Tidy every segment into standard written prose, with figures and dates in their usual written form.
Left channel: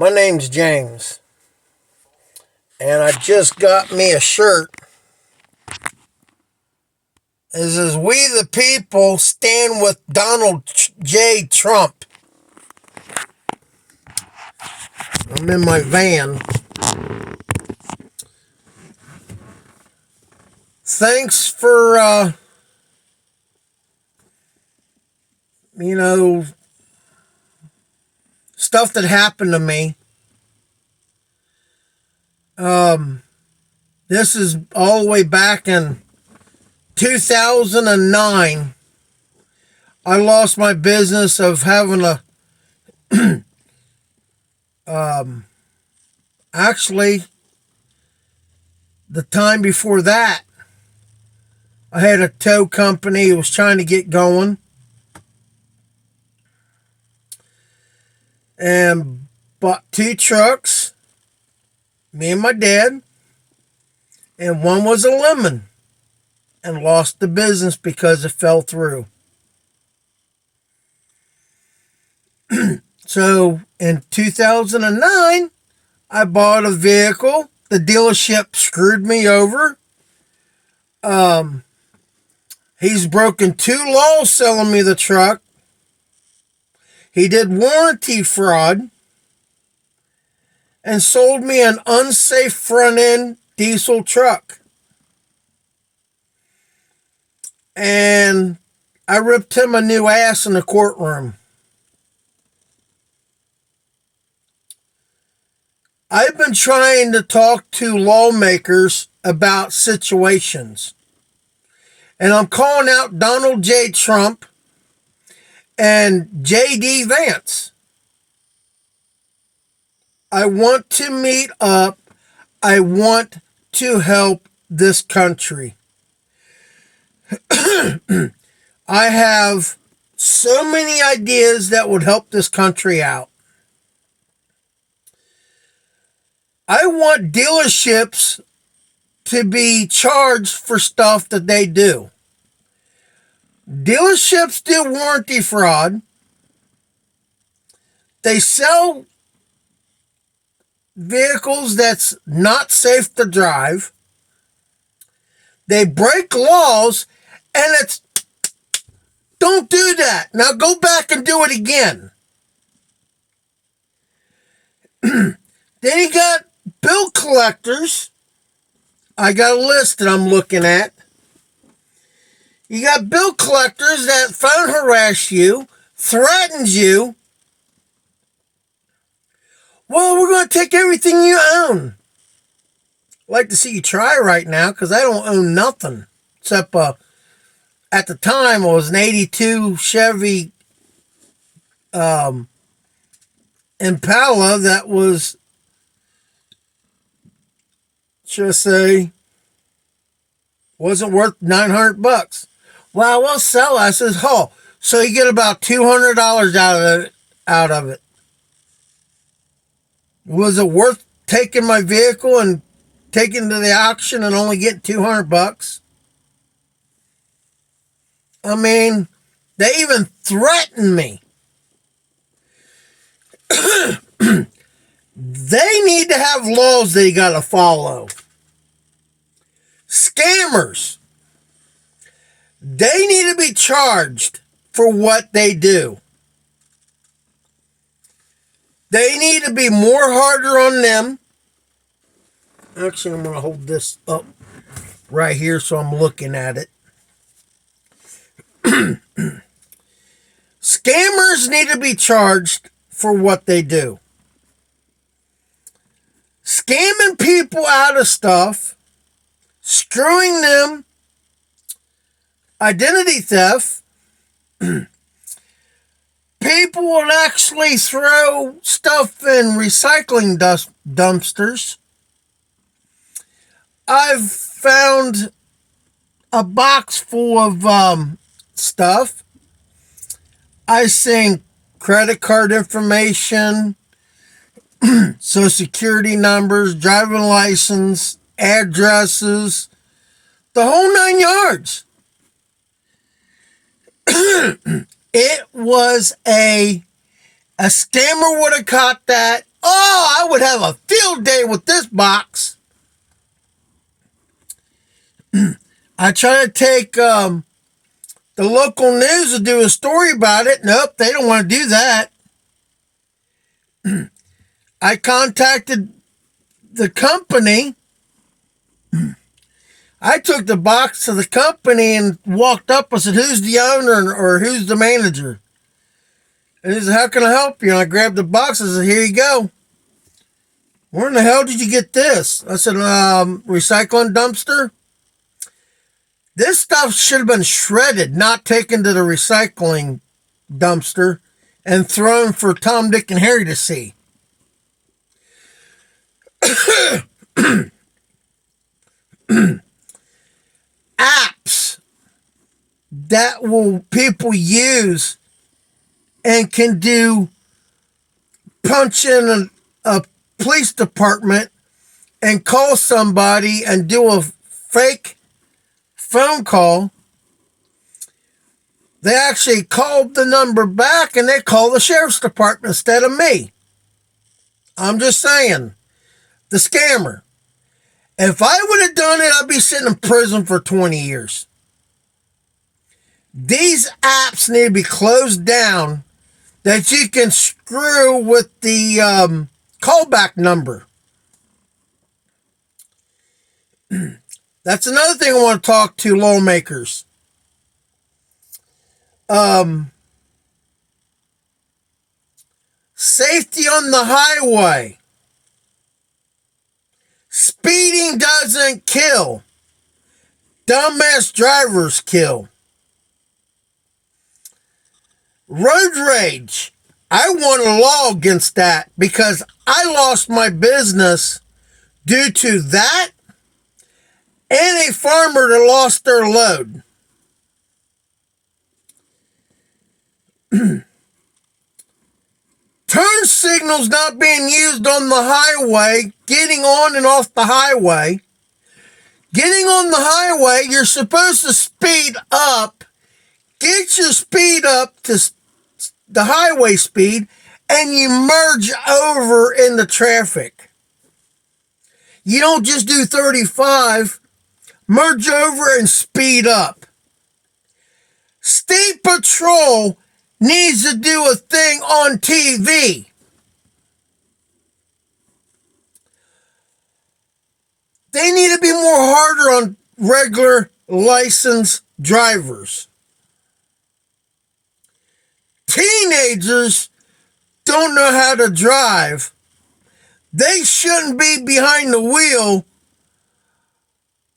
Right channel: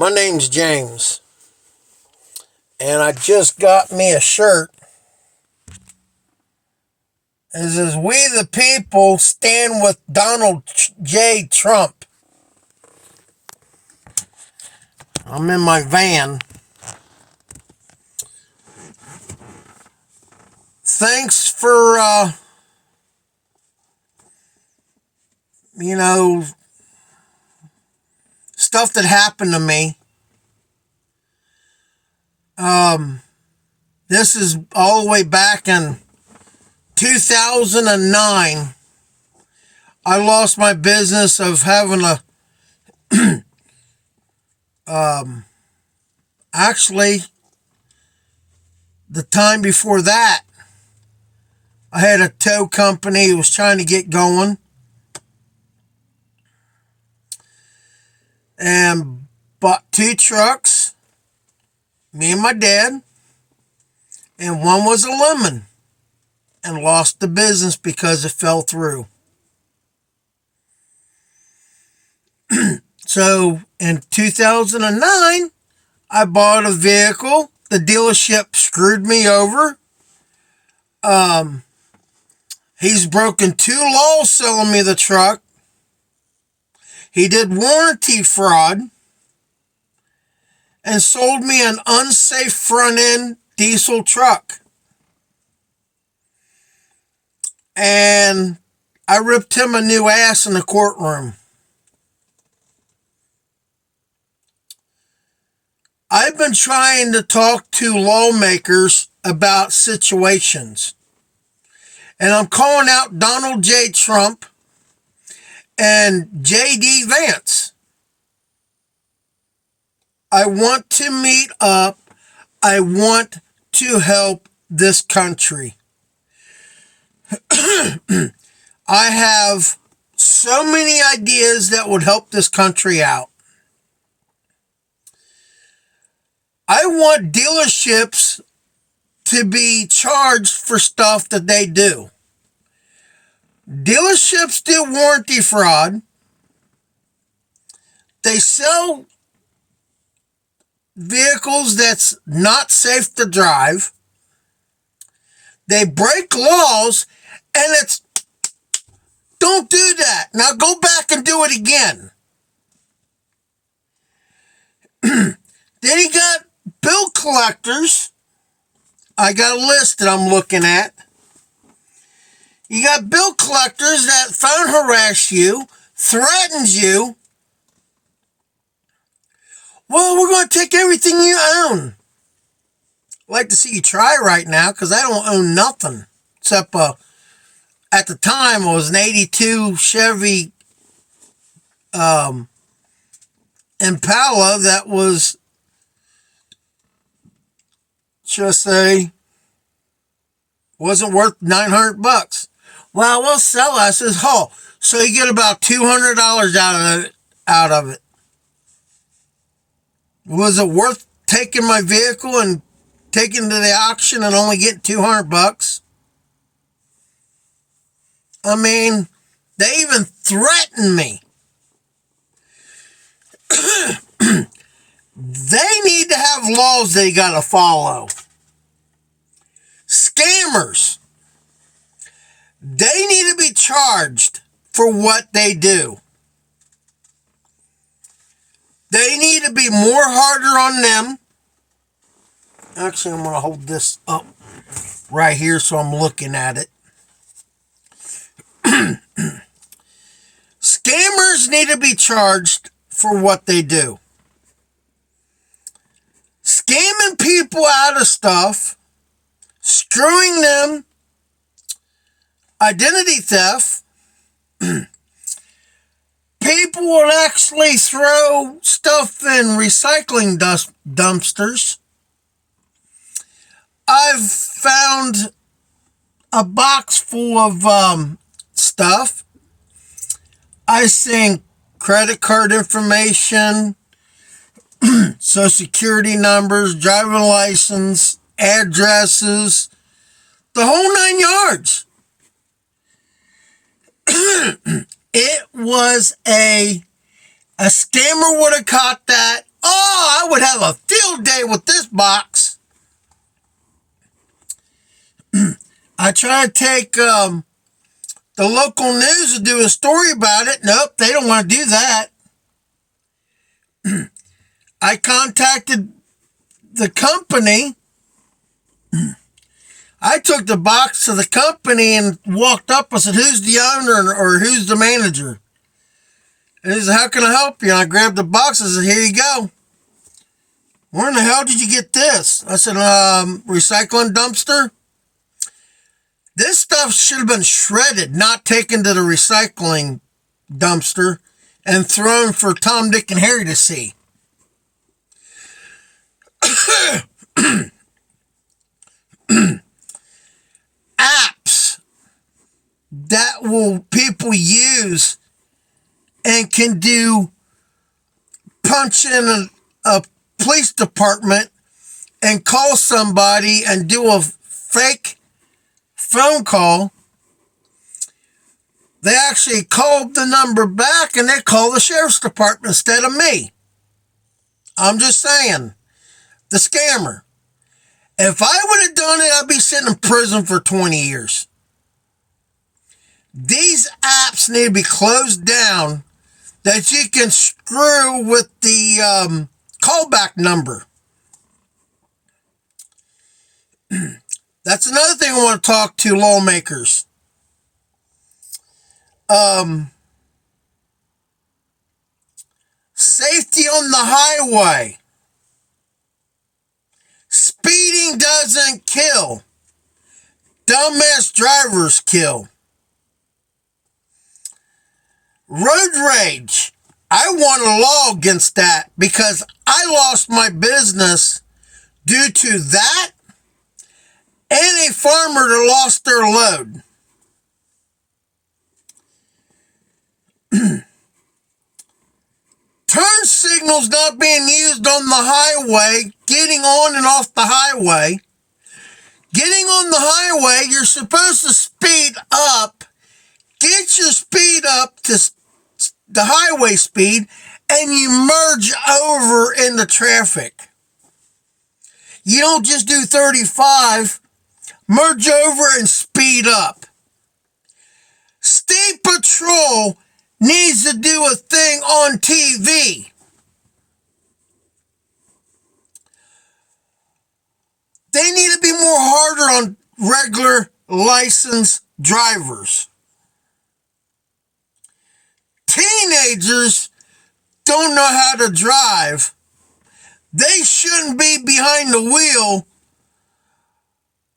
My name's James, and I just got me a shirt. It says, "We the people stand with Donald J. Trump." I'm in my van. Thanks for, stuff that happened to me. This is all the way back in 2009. I lost my business of having a, actually, the time before that, I had a tow company who was trying to get going. And bought 2 trucks, me and my dad, and one was a lemon, and lost the business because it fell through. So in 2009, I bought a vehicle. The dealership screwed me over. He's broken 2 laws selling me the truck. He did warranty fraud and sold me an unsafe front-end diesel truck. And I ripped him a new ass in the courtroom. I've been trying to talk to lawmakers about situations. And I'm calling out Donald J. Trump and JD Vance. I want to meet up. I want to help this country. I have so many ideas that would help this country out. I want dealerships to be charged for stuff that they do. Dealerships do warranty fraud. They sell vehicles that's not safe to drive. They break laws, and it's, don't do that. Now go back and do it again. Then you got bill collectors. I got a list that I'm looking at. You got bill collectors that phone harass you, threatens you. Well, we're going to take everything you own. I'd like to see you try right now, because I don't own nothing. Except, at the time, it was an 82 Chevy Impala that was, just say, wasn't worth $900. Well, we'll sell it. I says, oh, so you get about $200 out of it. Was it worth taking my vehicle and taking to the auction and only getting $200? I mean, they even threatened me. They need to have laws they got to follow. Scammers, they need to be charged for what they do. They need to be more harder on them. Actually, I'm going to hold this up right here so I'm looking at it. Scammers need to be charged for what they do. Scamming people out of stuff, screwing them, identity theft. People will actually throw stuff in recycling dumpsters. I've found a box full of stuff. I seen credit card information, social security numbers, driving license, addresses, the whole 9 yards. It was a scammer would have caught that Oh, I would have a field day with this box. I try to take the local news to do a story about it. Nope, they don't want to do that. I contacted the company. I took the box to the company and walked up. I said, who's the owner or who's the manager? And he said, how can I help you? And I grabbed the box. I said, here you go. Where in the hell did you get this? I said, recycling dumpster. This stuff should have been shredded, not taken to the recycling dumpster and thrown for Tom, Dick, and Harry to see. Apps that will people use and can do punch in a police department and call somebody and do a fake phone call. They actually called the number back and they called the sheriff's department instead of me. I'm just saying, the scammer. If I would have done it, I'd be sitting in prison for 20 years. These apps need to be closed down that you can screw with the callback number. That's another thing I want to talk to lawmakers. Safety on the highway. Speeding doesn't kill. Dumbass drivers kill. Road rage. I want a law against that because I lost my business due to that and a farmer that lost their load. Turn signals not being used on the highway, getting on and off the highway. Getting on the highway, you're supposed to speed up. Get your speed up to the highway speed, and you merge over in the traffic. You don't just do 35. Merge over and speed up. State Patrol needs to do a thing on TV. They need to be more harder on regular licensed drivers. Teenagers don't know how to drive. They shouldn't be behind the wheel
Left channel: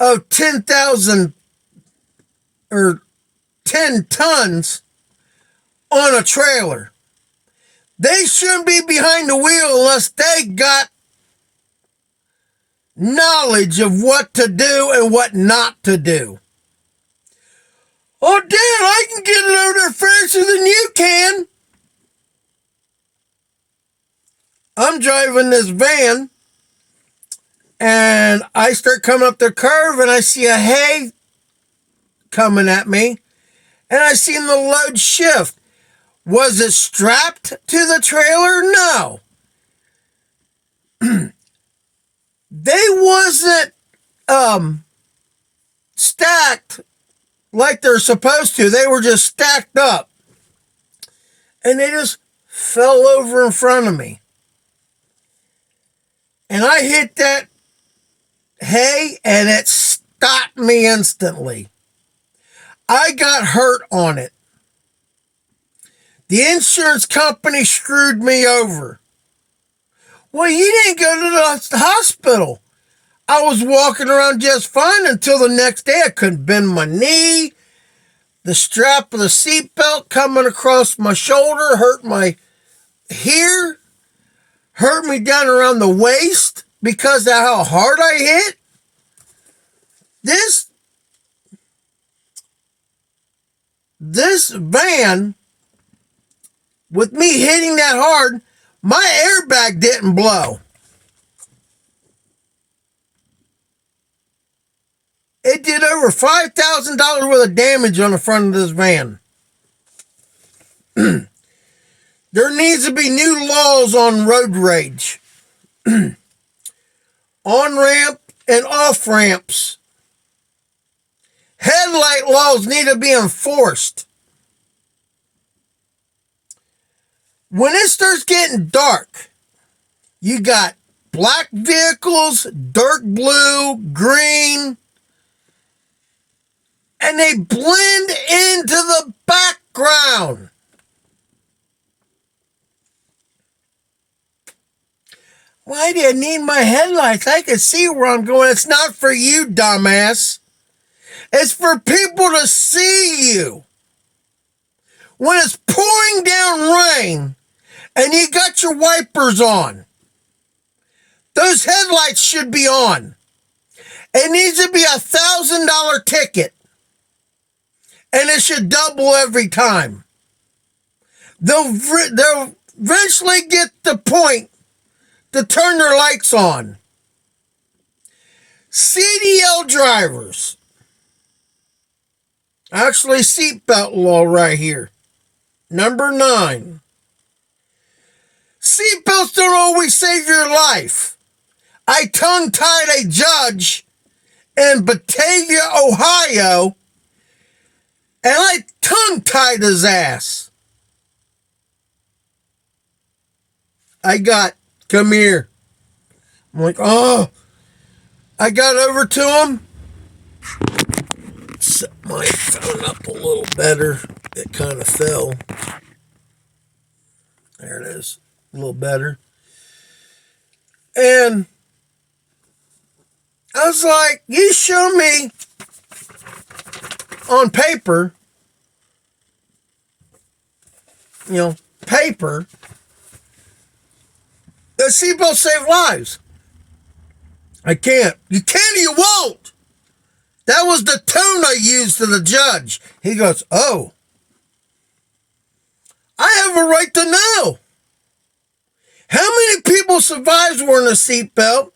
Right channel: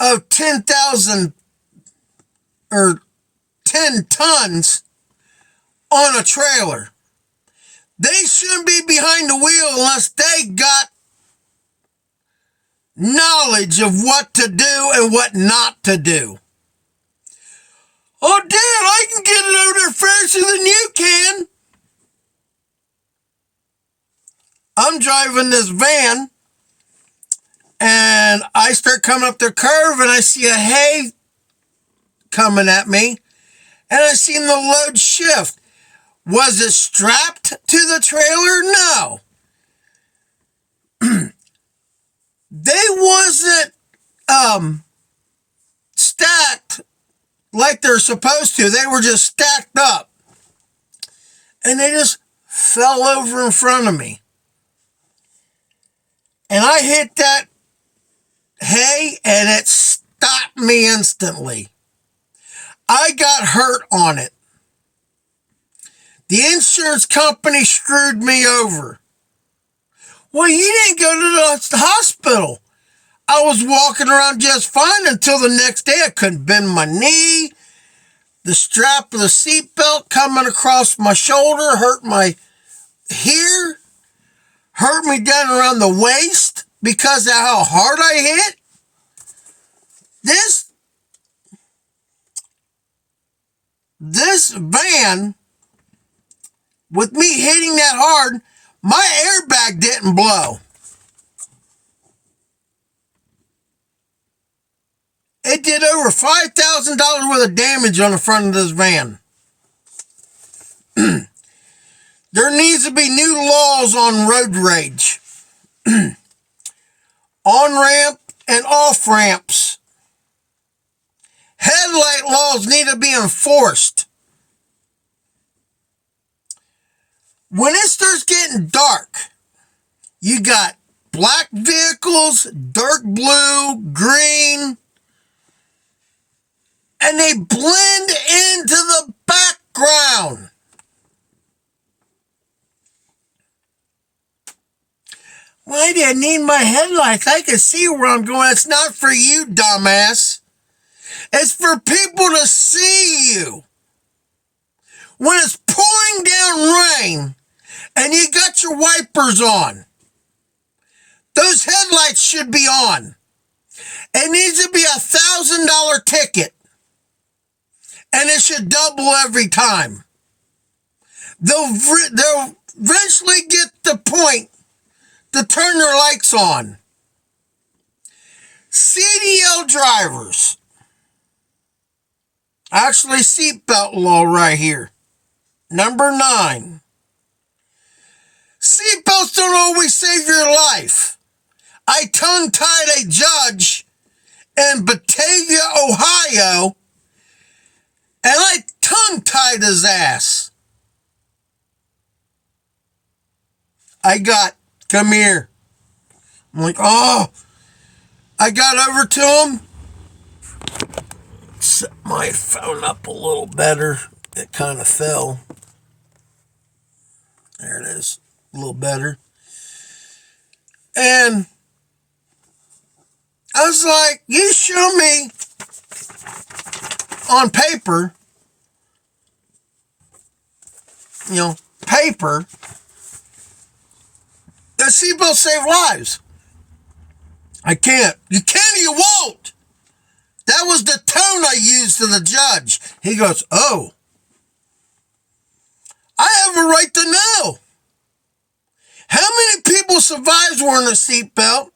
of 10,000 or 10 tons on a trailer. They shouldn't be behind the wheel unless they got knowledge of what to do and what not to do. Oh, Dad, I can get it over there faster than you can. I'm driving this van, and I start coming up the curve, and I see a hay coming at me, and I seen the load shift. Was it strapped to the trailer? No. They wasn't stacked like they're supposed to. They were just stacked up. And they just fell over in front of me. And I hit that hay and it stopped me instantly. I got hurt on it. The insurance company screwed me over. Well, you didn't go to the hospital. I was walking around just fine until the next day. I couldn't bend my knee. The strap of the seatbelt coming across my shoulder hurt my here, hurt me down around the waist because of how hard I hit. This van, with me hitting that hard, my airbag didn't blow. It did over $5,000 worth of damage on the front of this van. There needs to be new laws on road rage. On-ramp and off-ramps. Headlight laws need to be enforced. When it starts getting dark, you got black vehicles, dark blue, green, and they blend into the background. Why do you need my headlights? I can see where I'm going. It's not for you, dumbass. It's for people to see you. When it's pouring down rain and you got your wipers on, those headlights should be on. It needs to be $1,000 ticket. And it should double every time. They'll eventually get the point to turn their lights on. CDL drivers. Actually, seatbelt law right here. Number 9. Seatbelts don't always save your life. I tongue-tied a judge in Batavia, Ohio, and I tongue-tied his ass. Come here. I'm like, oh. I got over to him. Set my phone up a little better. It kind of fell. There it is. A little better. And I was like, you show me on paper, paper, that seatbelts save lives. I can't. You can or you won't. That was the tone I used to the judge. He goes, oh, I have a right to know. How many people survived wearing a seatbelt?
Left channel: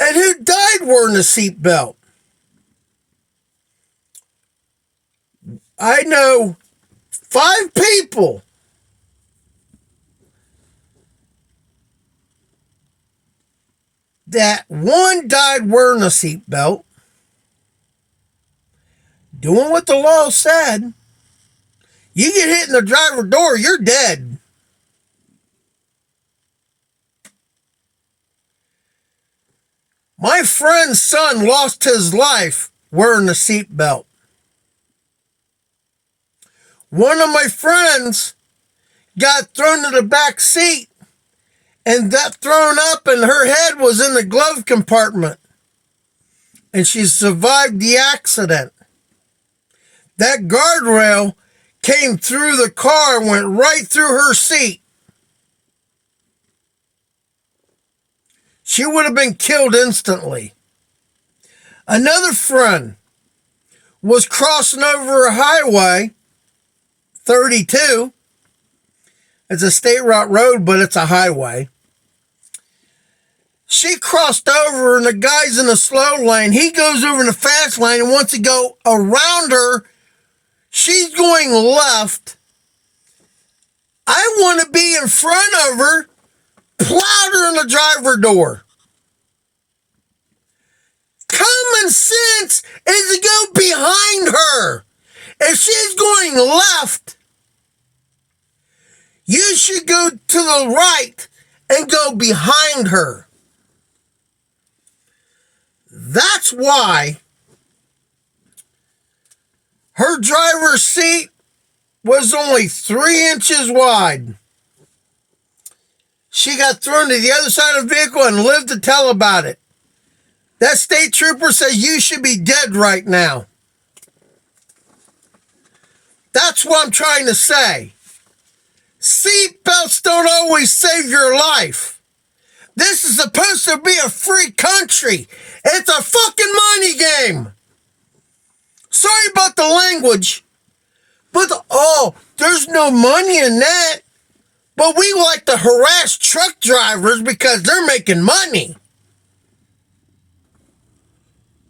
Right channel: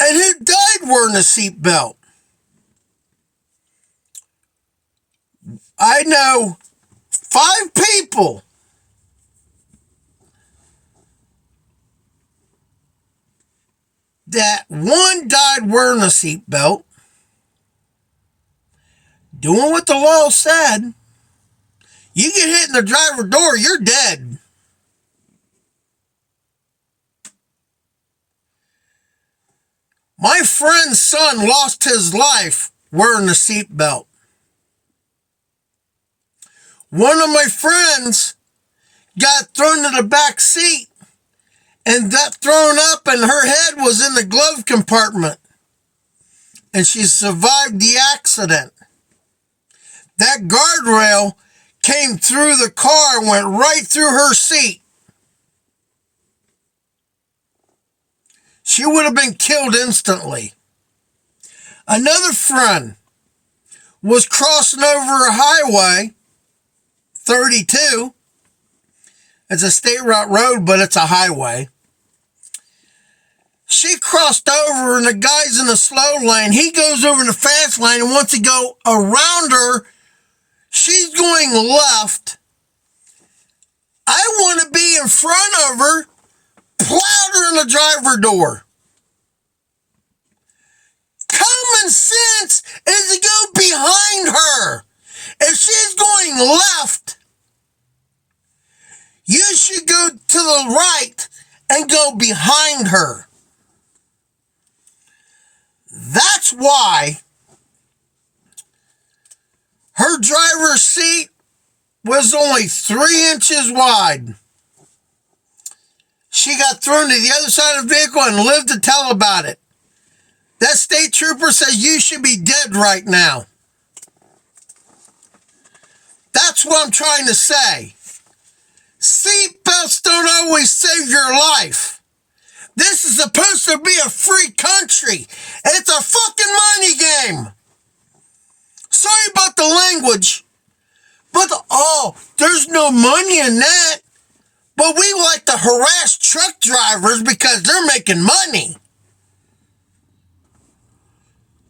And who died wearing a seatbelt? I know 5 people that one died wearing a seatbelt, doing what the law said. You get hit in the driver's door, you're dead. My friend's son lost his life wearing a seatbelt. One of my friends got thrown to the back seat and got thrown up, and her head was in the glove compartment. And she survived the accident. That guardrail came through the car and went right through her seat. She would have been killed instantly. Another friend was crossing over a highway, 32. It's a state road, but it's a highway. She crossed over, and the guy's in the slow lane. He goes over in the fast lane, and wants to go around her. She's going left. I want to be in front of her, plowed her in the driver's door. Common sense is to go behind her. If she's going left, you should go to the right and go behind her. That's why her driver's seat was only 3 inches wide. She got thrown to the other side of the vehicle and lived to tell about it. That state trooper says you should be dead right now. That's what I'm trying to say. Seatbelts don't always save your life. This is supposed to be a free country. It's a fucking money game. Sorry about the language, but there's no money in that. But we like to harass truck drivers because they're making money.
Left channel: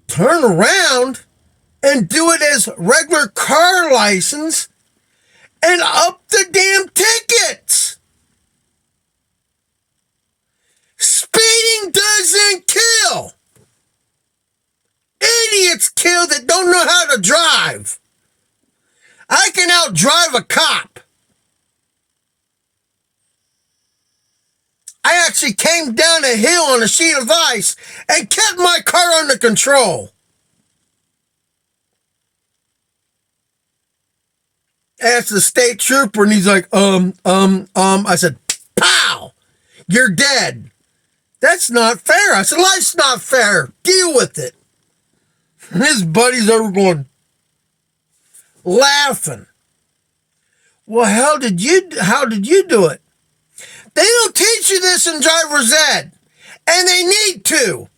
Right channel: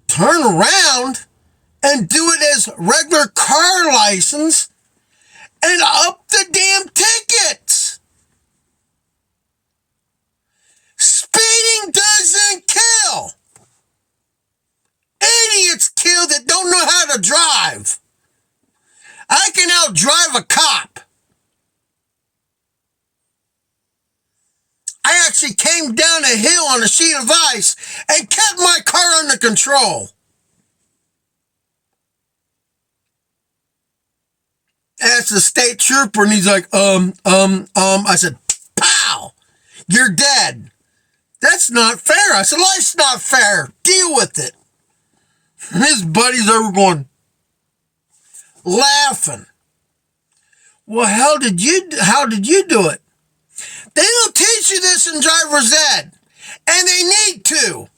Turn around and do it as regular car license and up the damn tickets. Speeding doesn't kill. Idiots kill that don't know how to drive. I can outdrive a cop. I actually came down a hill on a sheet of ice and kept my car under control. Asked the state trooper, and he's like, I said, pow, you're dead. That's not fair. I said, life's not fair. Deal with it. And his buddies over going, laughing. Well, how did you do it? They don't teach you this in driver's ed, and they need to.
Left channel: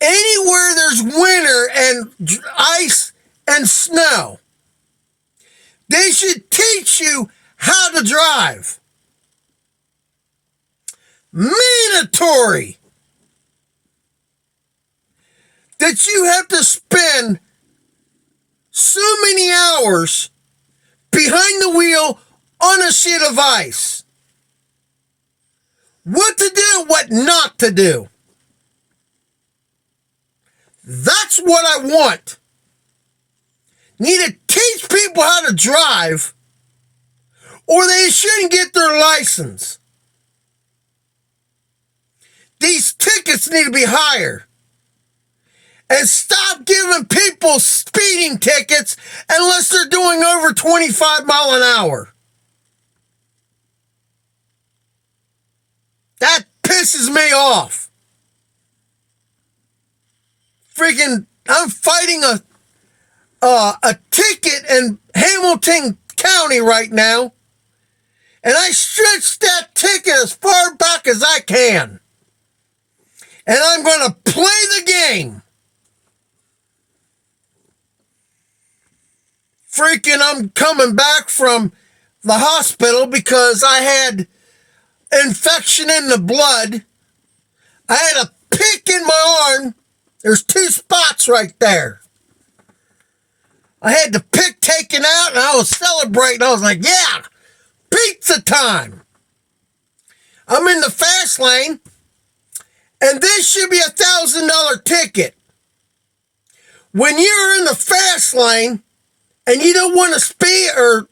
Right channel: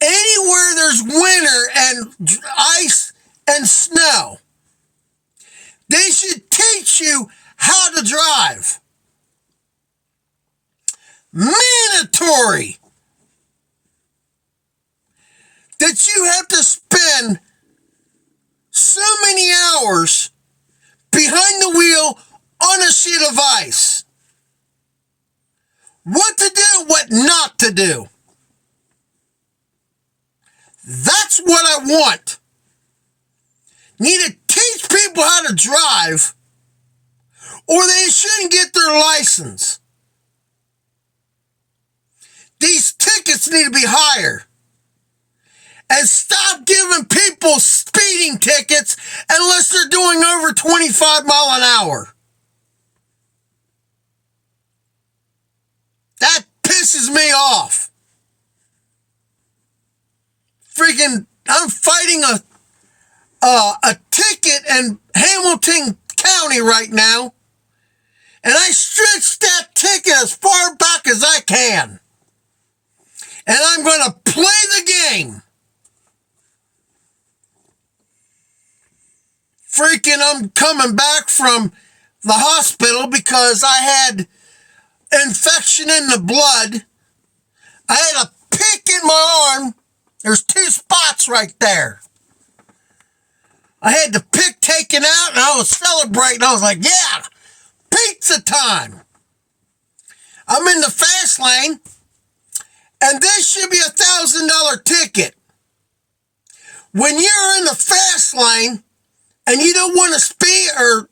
Anywhere there's winter and ice and snow, they should teach you how to drive. Mandatory. That you have to spend so many hours behind the wheel on a sheet of ice. What to do, what not to do. That's what I want. Need to teach people how to drive, or they shouldn't get their license. These tickets need to be higher. And stop giving people speeding tickets unless they're doing over 25 miles an hour. That pisses me off. Freaking, I'm fighting a ticket in Hamilton County right now, and I stretched that ticket as far back as I can. And I'm going to play the game. Freaking, I'm coming back from the hospital because I had infection in the blood. I had a pick in my arm. There's 2 spots right there. I had the pick taken out and I was celebrating. I was like, yeah, pizza time. I'm in the fast lane, and this should be $1,000 ticket. When you're in the fast lane and you don't want to speed or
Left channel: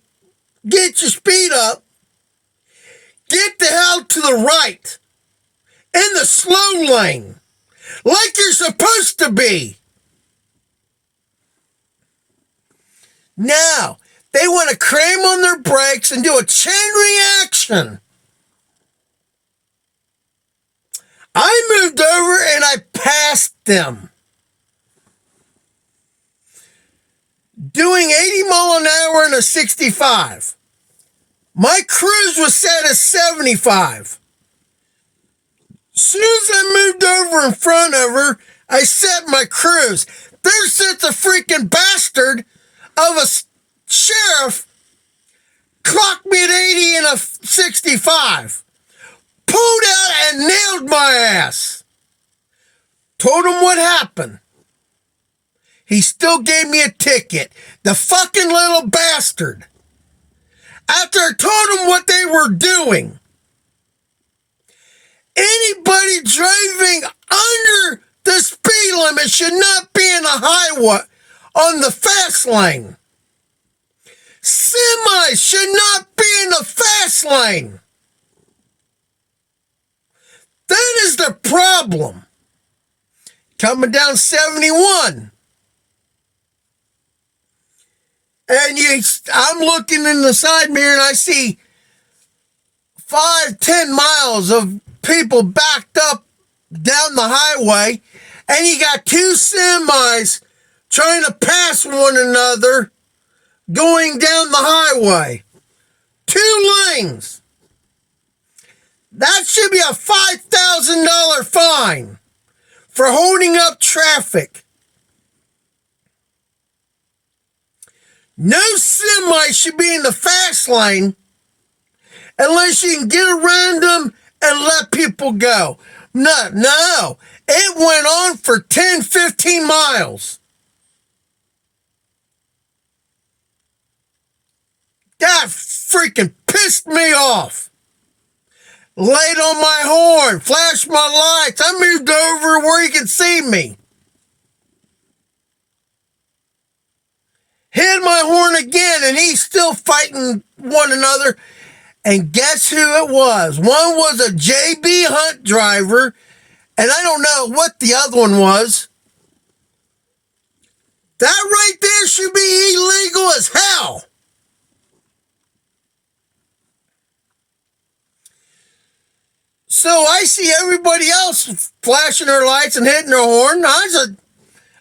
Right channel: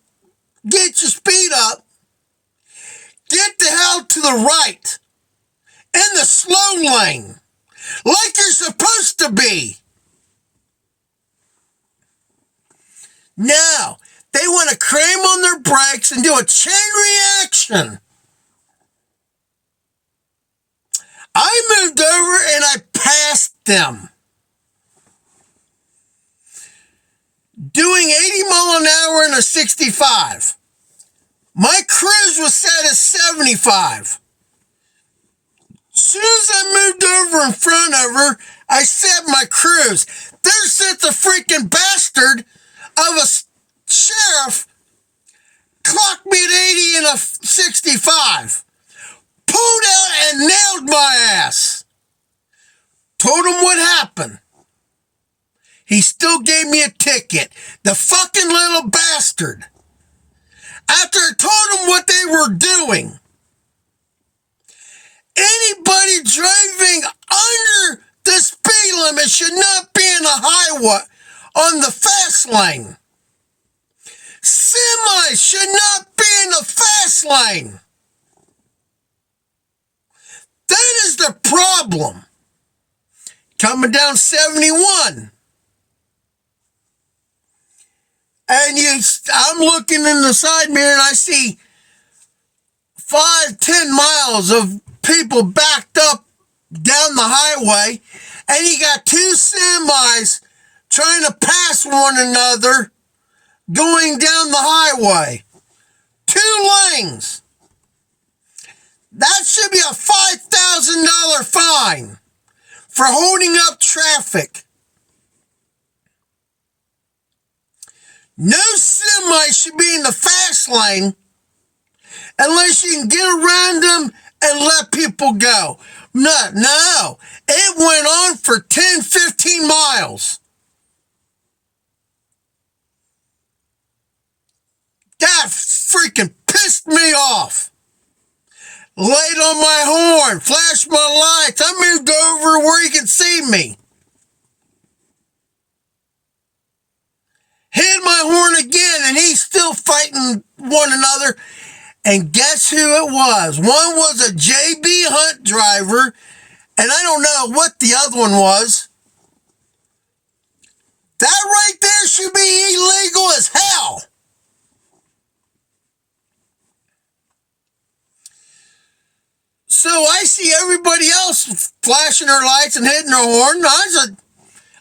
get your speed up, get the hell to the right in the slow lane like you're supposed to be. Now, they want to cram on their brakes and do a chain reaction. I moved over and I passed them. Doing 80 miles an hour in a 65. My cruise was set at 75. Soon as I moved over in front of her, I set my cruise. There sits a freaking bastard of a sheriff, clocked me at 80 in a 65. Pulled out and nailed my ass. Told him what happened. He still gave me a ticket. The fucking little bastard. After I told him what they were doing. Anybody driving under the speed limit should not be in a highway on the fast lane. Semis should not be in the fast lane. That is the problem. Coming down 71. And I'm looking in the side mirror and I see 5-10 miles of people backed up down the highway, and you got 2 semis trying to pass one another going down the highway. 2 lanes. That should be a $5,000 fine for holding up traffic. No semi should be in the fast lane unless you can get around them and let people go. No. It went on for 10, 15 miles. That freaking pissed me off. Laid on my horn, flashed my lights. I moved over where he could see me. Hit my horn again, and he's still fighting one another. And guess who it was? One was a JB Hunt driver, and I don't know what the other one was. That right there should be illegal as hell. So I see everybody else flashing their lights and hitting their horn.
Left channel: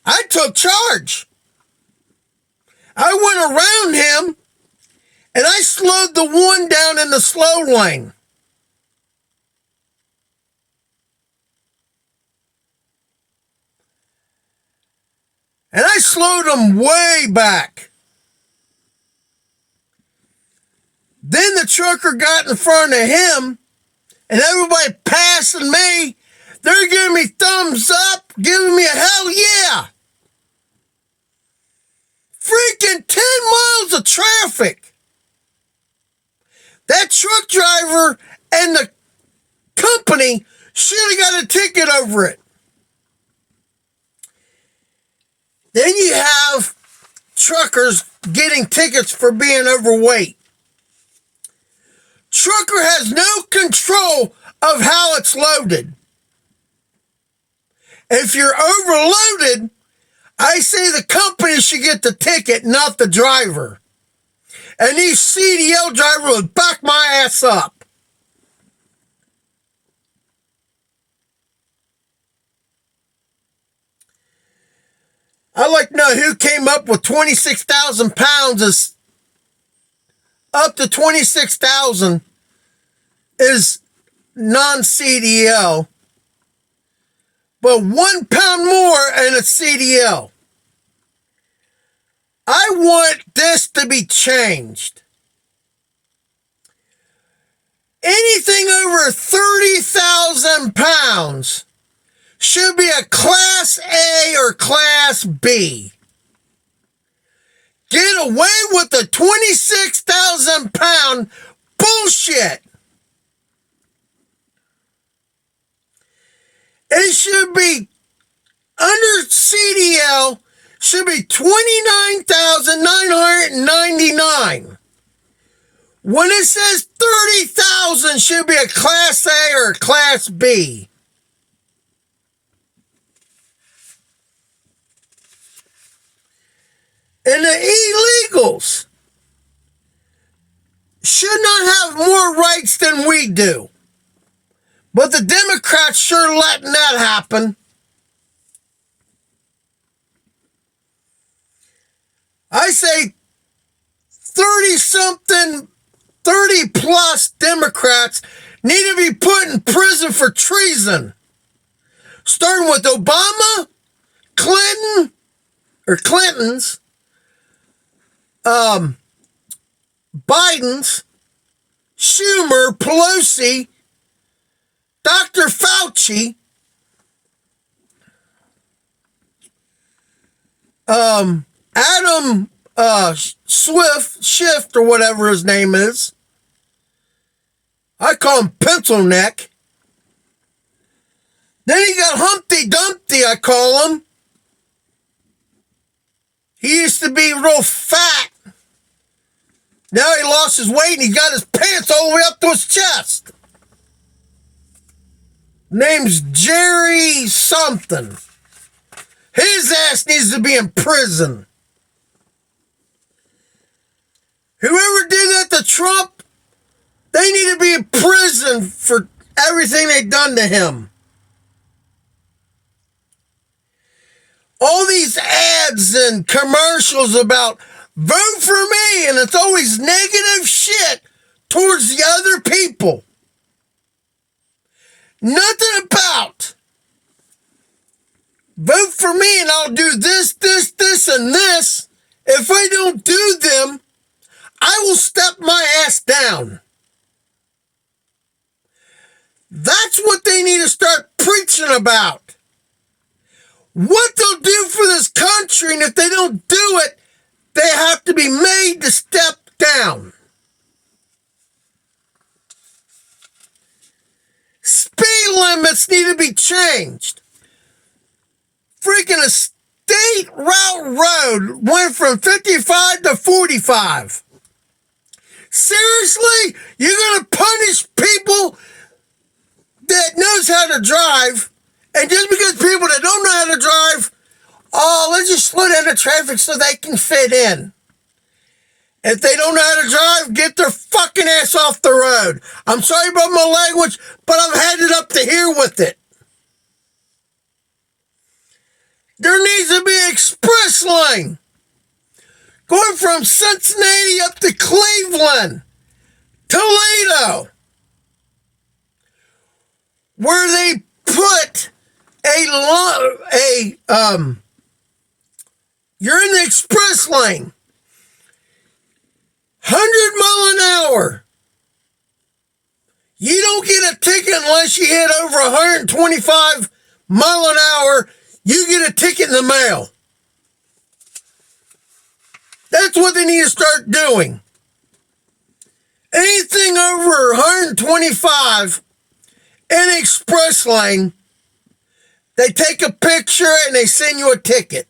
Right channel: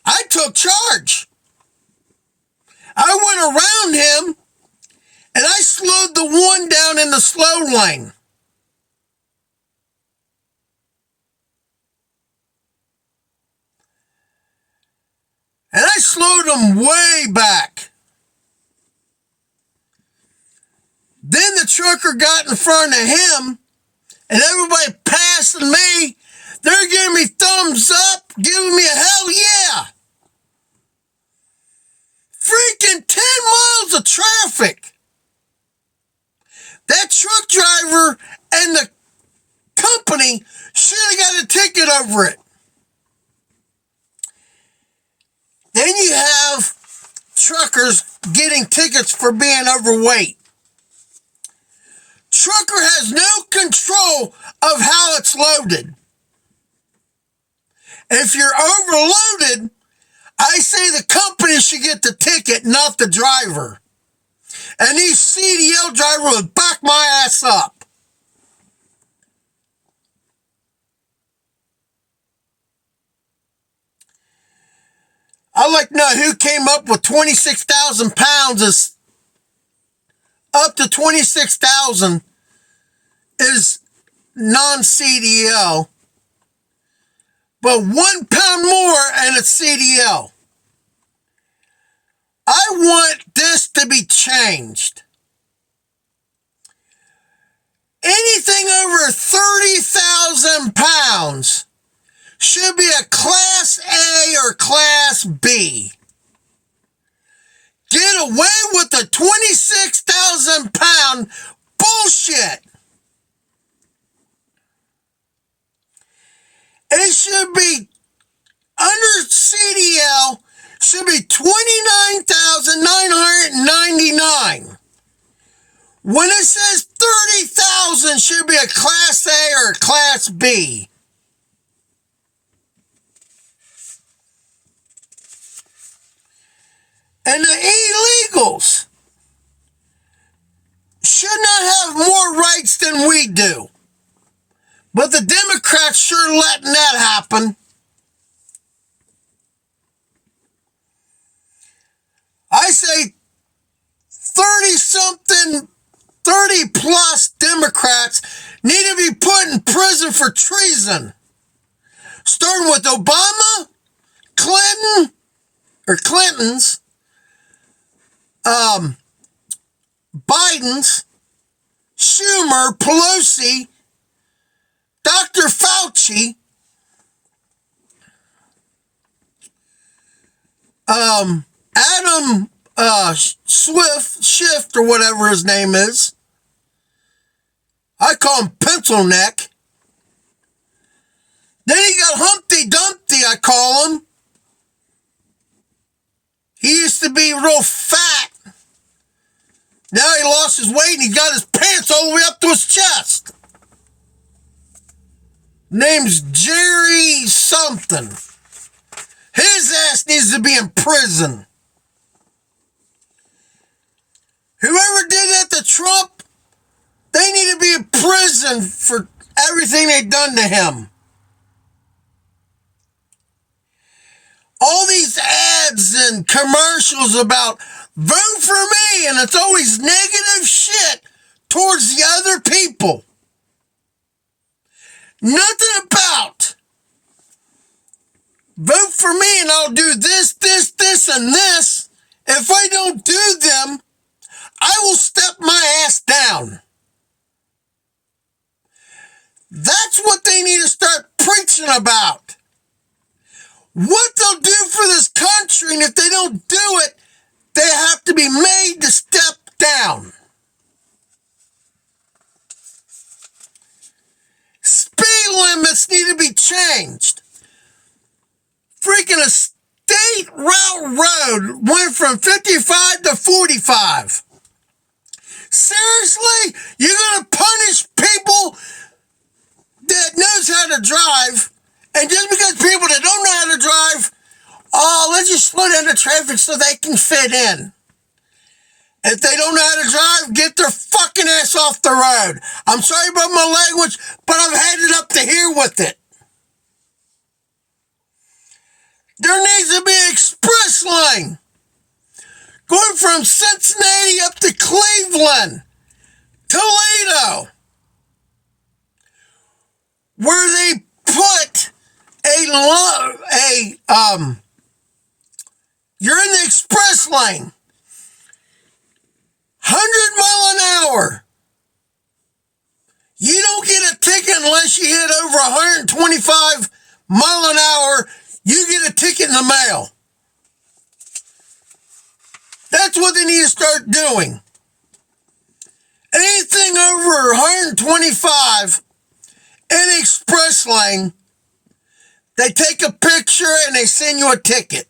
I took charge. I went around him, and I slowed the one down in the slow lane. And I slowed him way back. Then the trucker got in front of him, and everybody passing me, they're giving me thumbs up, giving me a hell yeah. Freaking 10 miles of traffic. That truck driver and the company should have got a ticket over it. Then you have truckers getting tickets for being overweight. Trucker has no control of how it's loaded. If you're overloaded, I say the company should get the ticket, not the driver. And these CDL drivers would back my ass up. I'd like to know who came up with 26,000 pounds is up to 26,000 is non-CDL. But 1 pound more and it's CDL. I want this to be changed. Anything over 30,000 pounds should be a Class A or Class B. Get away with the 26,000 pound bullshit. It should be under CDL should be 29,999. When it says 30,000 should be a Class A or a Class B. And the illegals should not have more rights than we do. But the Democrats sure letting that happen. I say 30-something, 30-plus Democrats need to be put in prison for treason. Starting with Obama, Clinton's, Biden's, Schumer, Pelosi, Dr. Fauci, Adam Schiff, or whatever his name is. I call him Pencil Neck. Then you got Humpty Dumpty, I call him. He used to be real fat. Now he lost his weight and he got his pants all the way up to his chest. Name's Jerry something. His ass needs to be in prison. Whoever did that to Trump, they need to be in prison for everything they've done to him. All these ads and commercials about vote for me, and it's always negative shit towards the other people. Nothing about vote for me and I'll do this, and this. If I don't do them, I will step my ass down. That's what they need to start preaching about. What they'll do for this country, and if they don't do it, they have to be made to step down. limits need to be changed. Freaking a state route road went from 55 to 45. Seriously? You're going to punish people that knows how to drive, and just because people that don't know how to drive, oh, let's just slow down the traffic so they can fit in. If they don't know how to drive, get their fucking ass off the road. I'm sorry about my language, but I've had it up to here with it. There needs to be express lane going from Cincinnati up to Cleveland, Toledo, where they put you're in the express lane, 100 mph. You don't get a ticket unless you hit over 125 mph. You get a ticket in the mail. That's what they need to start doing. Anything over 125 in express lane, they take a picture and they send you a ticket.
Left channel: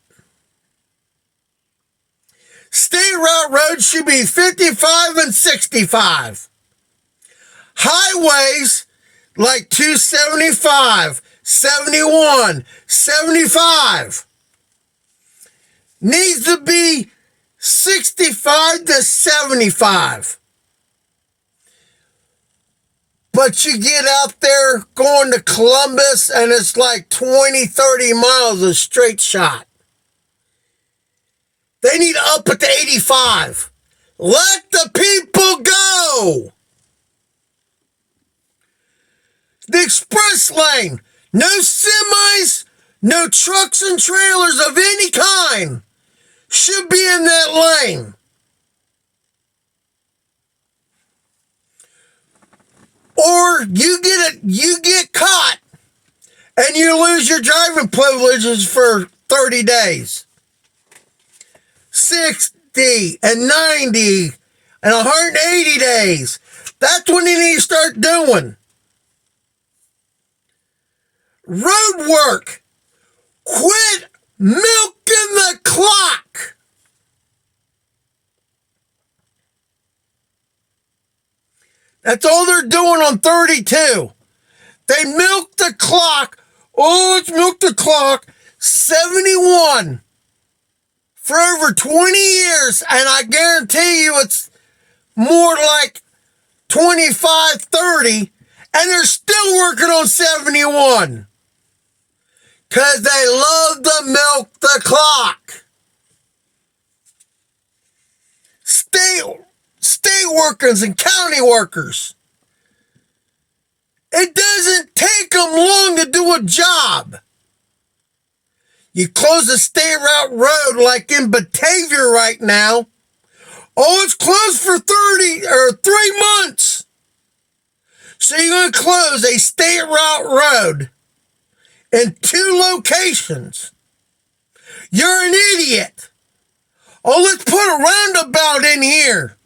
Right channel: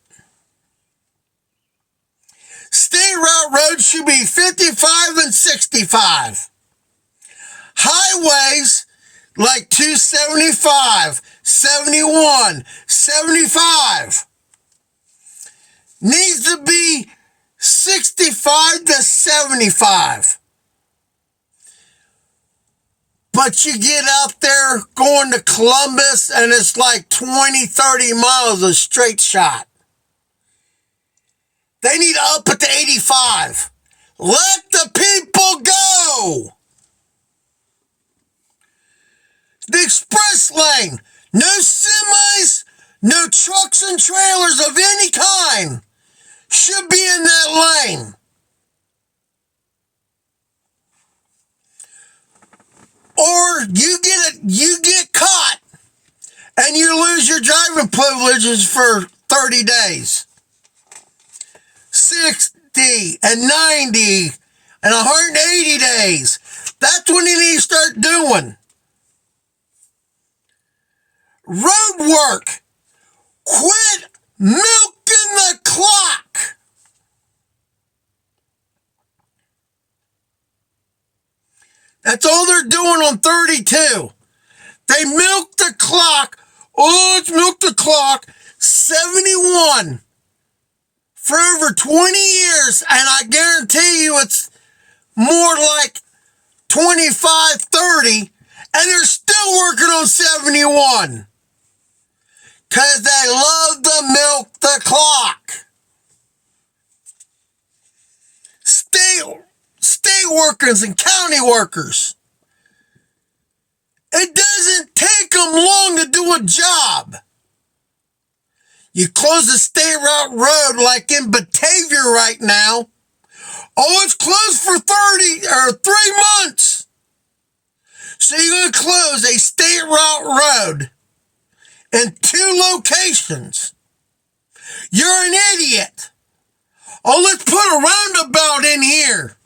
State route roads should be 55 and 65. Highways like 275, 71, 75 needs to be 65 to 75. But you get out there going to Columbus and it's like 20, 30 miles of straight shot. They need to up it to 85. Let the people go. The express lane. No semis, no trucks and trailers of any kind should be in that lane. Or you get caught and you lose your driving privileges for 30 days. 60 and 90 and 180 days. That's when you need to start doing. Road work. Quit milking the clock. That's all they're doing on 32. They milk the clock. Oh, let's milk the clock. 71 for over 20 years. And I guarantee you it's more like 25, 30. And they're still working on 71. Because they love to milk the clock. State workers and county workers. It doesn't take them long to do a job. You close the state route road like in Batavia right now. Oh, it's closed for 30 or 3 months. So you're going to close a state route road in 2 locations. You're an idiot. Oh, let's put a roundabout in here.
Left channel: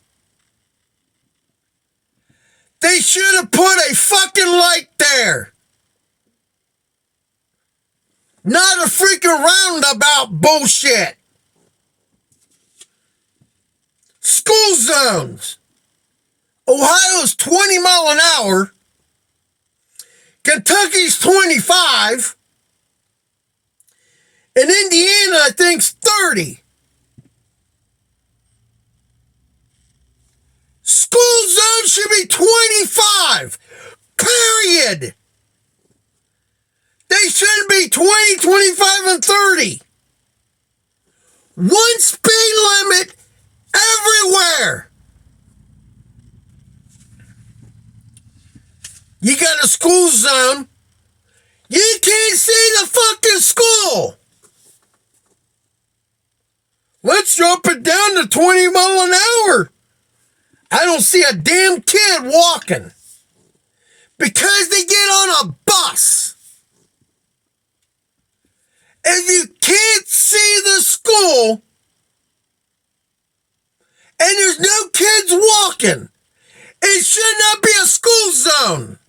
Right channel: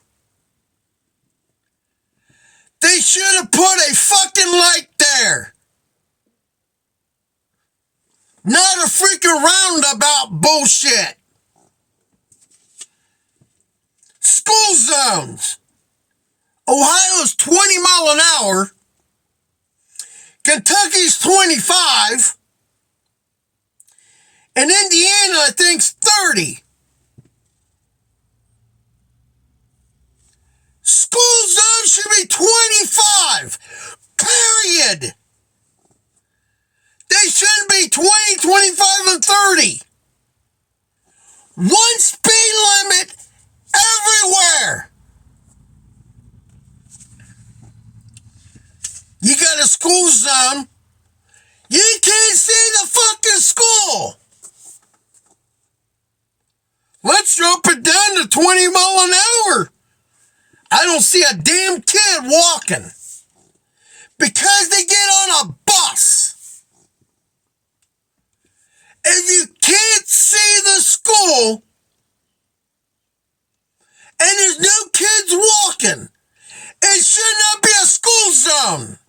They should have put a fucking light there. Not a freaking roundabout bullshit. School zones. Ohio's 20 miles an hour. Kentucky's 25. And Indiana, I think's 30. School zone should be 25. Period. They shouldn't be 20, 25, and 30. One speed limit everywhere. You got a school zone. You can't see the fucking school. Let's drop it down to 20 miles an hour. I don't see a damn kid walking. Because they get on a bus. If you can't see the school, and there's no kids walking, it should not be a school zone.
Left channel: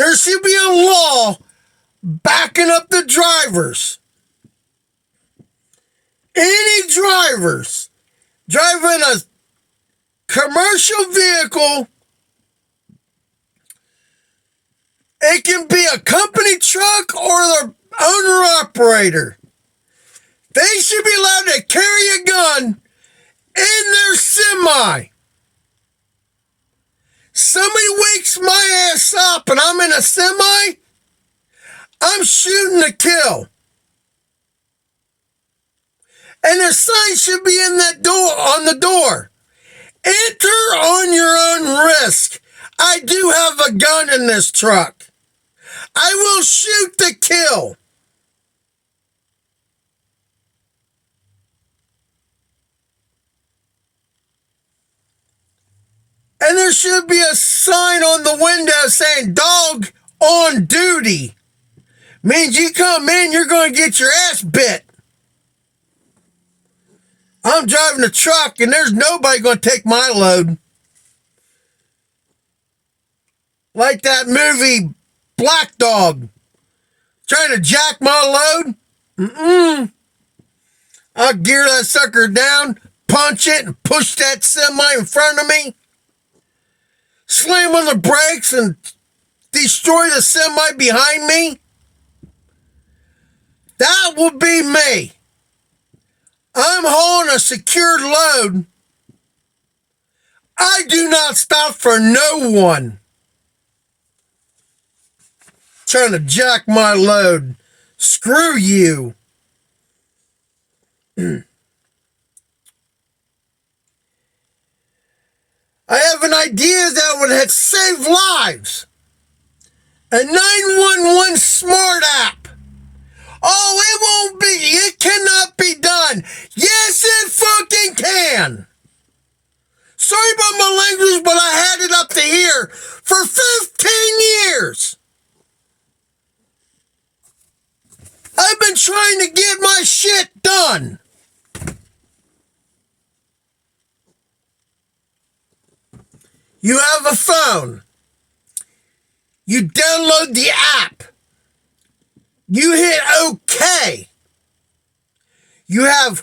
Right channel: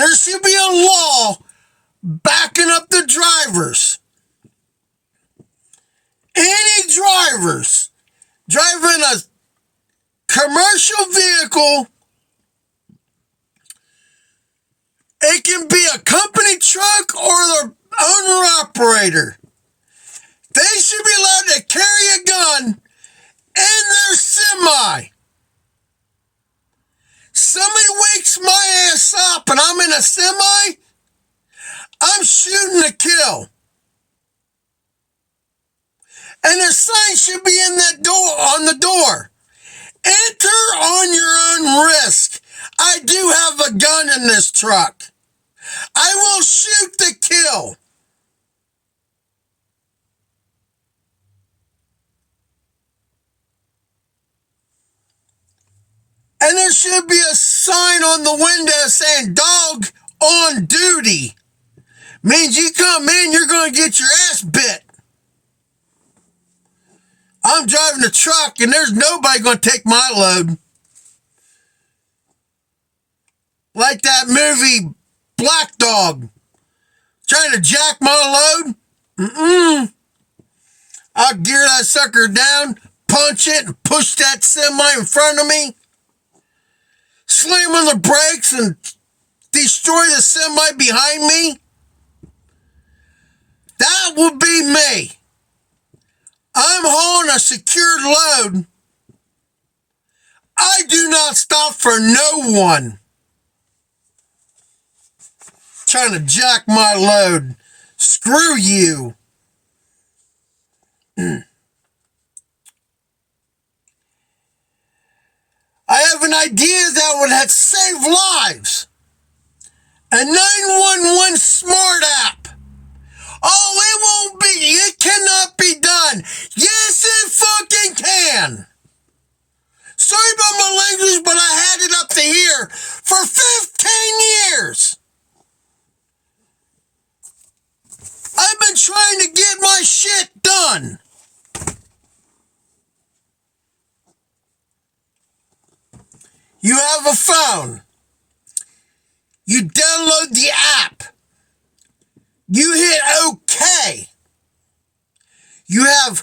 There should be a law backing up the drivers. Any drivers driving a commercial vehicle, it can be a company truck or the owner-operator. They should be allowed to carry a gun in their semi. Somebody wakes my ass up and I'm in a semi, I'm shooting to kill. And a sign should be in that door, on the door. Enter on your own risk. I do have a gun in this truck. I will shoot to kill. And there should be a sign on the window saying dog on duty. Means you come in, you're going to get your ass bit. I'm driving a truck and there's nobody going to take my load. Like that movie Black Dog. Trying to jack my load? I'll gear that sucker down, punch it, and push that semi in front of me. Slam on the brakes and destroy the semi behind me. That would be me. I'm hauling a secured load. I do not stop for no one. Trying to jack my load. Screw you. I have an idea that would have saved lives. A 911 smart app. Oh, it won't be. It cannot be done. Yes, it fucking can. Sorry about my language, but I had it up to here for 15 years. I've been trying to get my shit done. You have a phone. You download the app. You hit OK. You have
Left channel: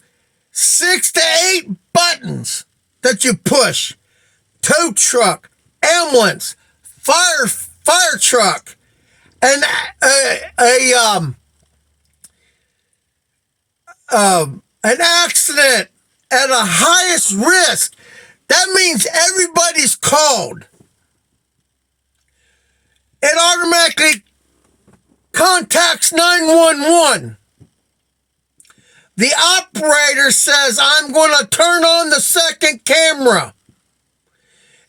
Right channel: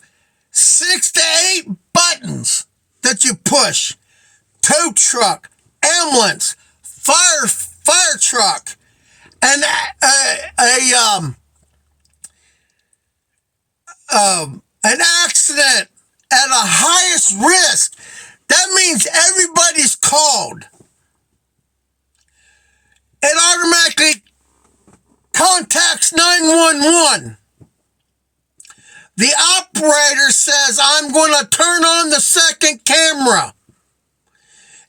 6 to 8 buttons that you push. Tow truck, ambulance, fire truck, and an accident at the highest risk. That means everybody's called. It automatically contacts 911. The operator says, I'm going to turn on the second camera.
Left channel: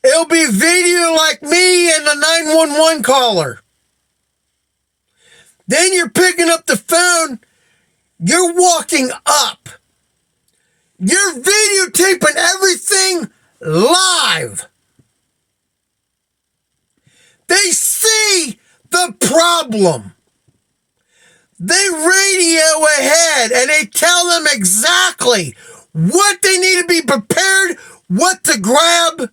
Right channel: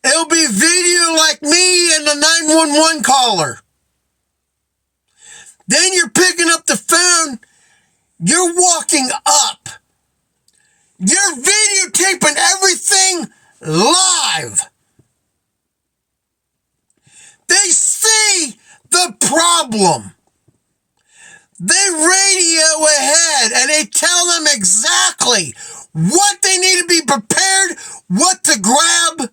It'll be video like me and the 911 caller. Then you're picking up the phone. You're walking up. You're videotaping everything live. They see the problem. They radio ahead and they tell them exactly what they need to be prepared, what to grab,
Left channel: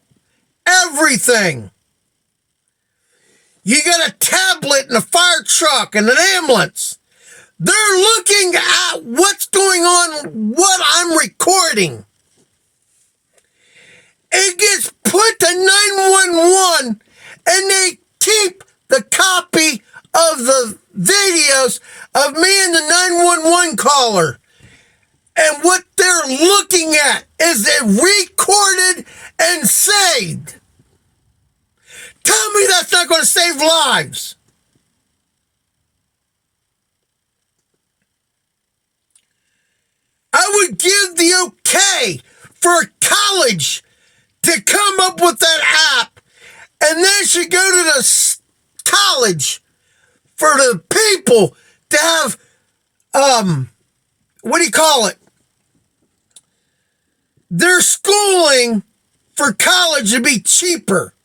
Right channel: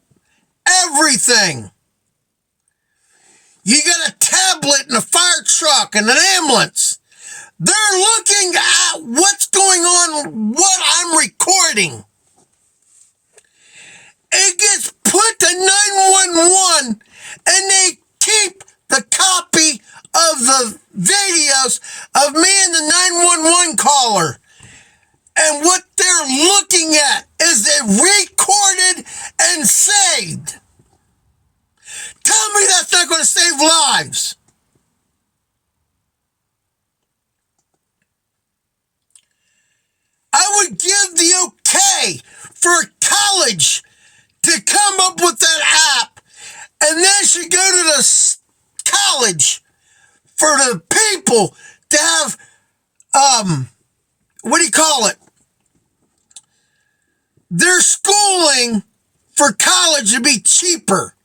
everything. You got a tablet and a fire truck and an ambulance. They're looking at what's going on, what I'm recording. It gets put to 911 and they keep the copy of the videos of me and the 911 caller. And what they're looking at is it recorded and saved. Tell me that's not going to save lives. I would give the okay for a college to come up with that app, and then should go to the college for the people to have, what do you call it? Their schooling for college to be cheaper.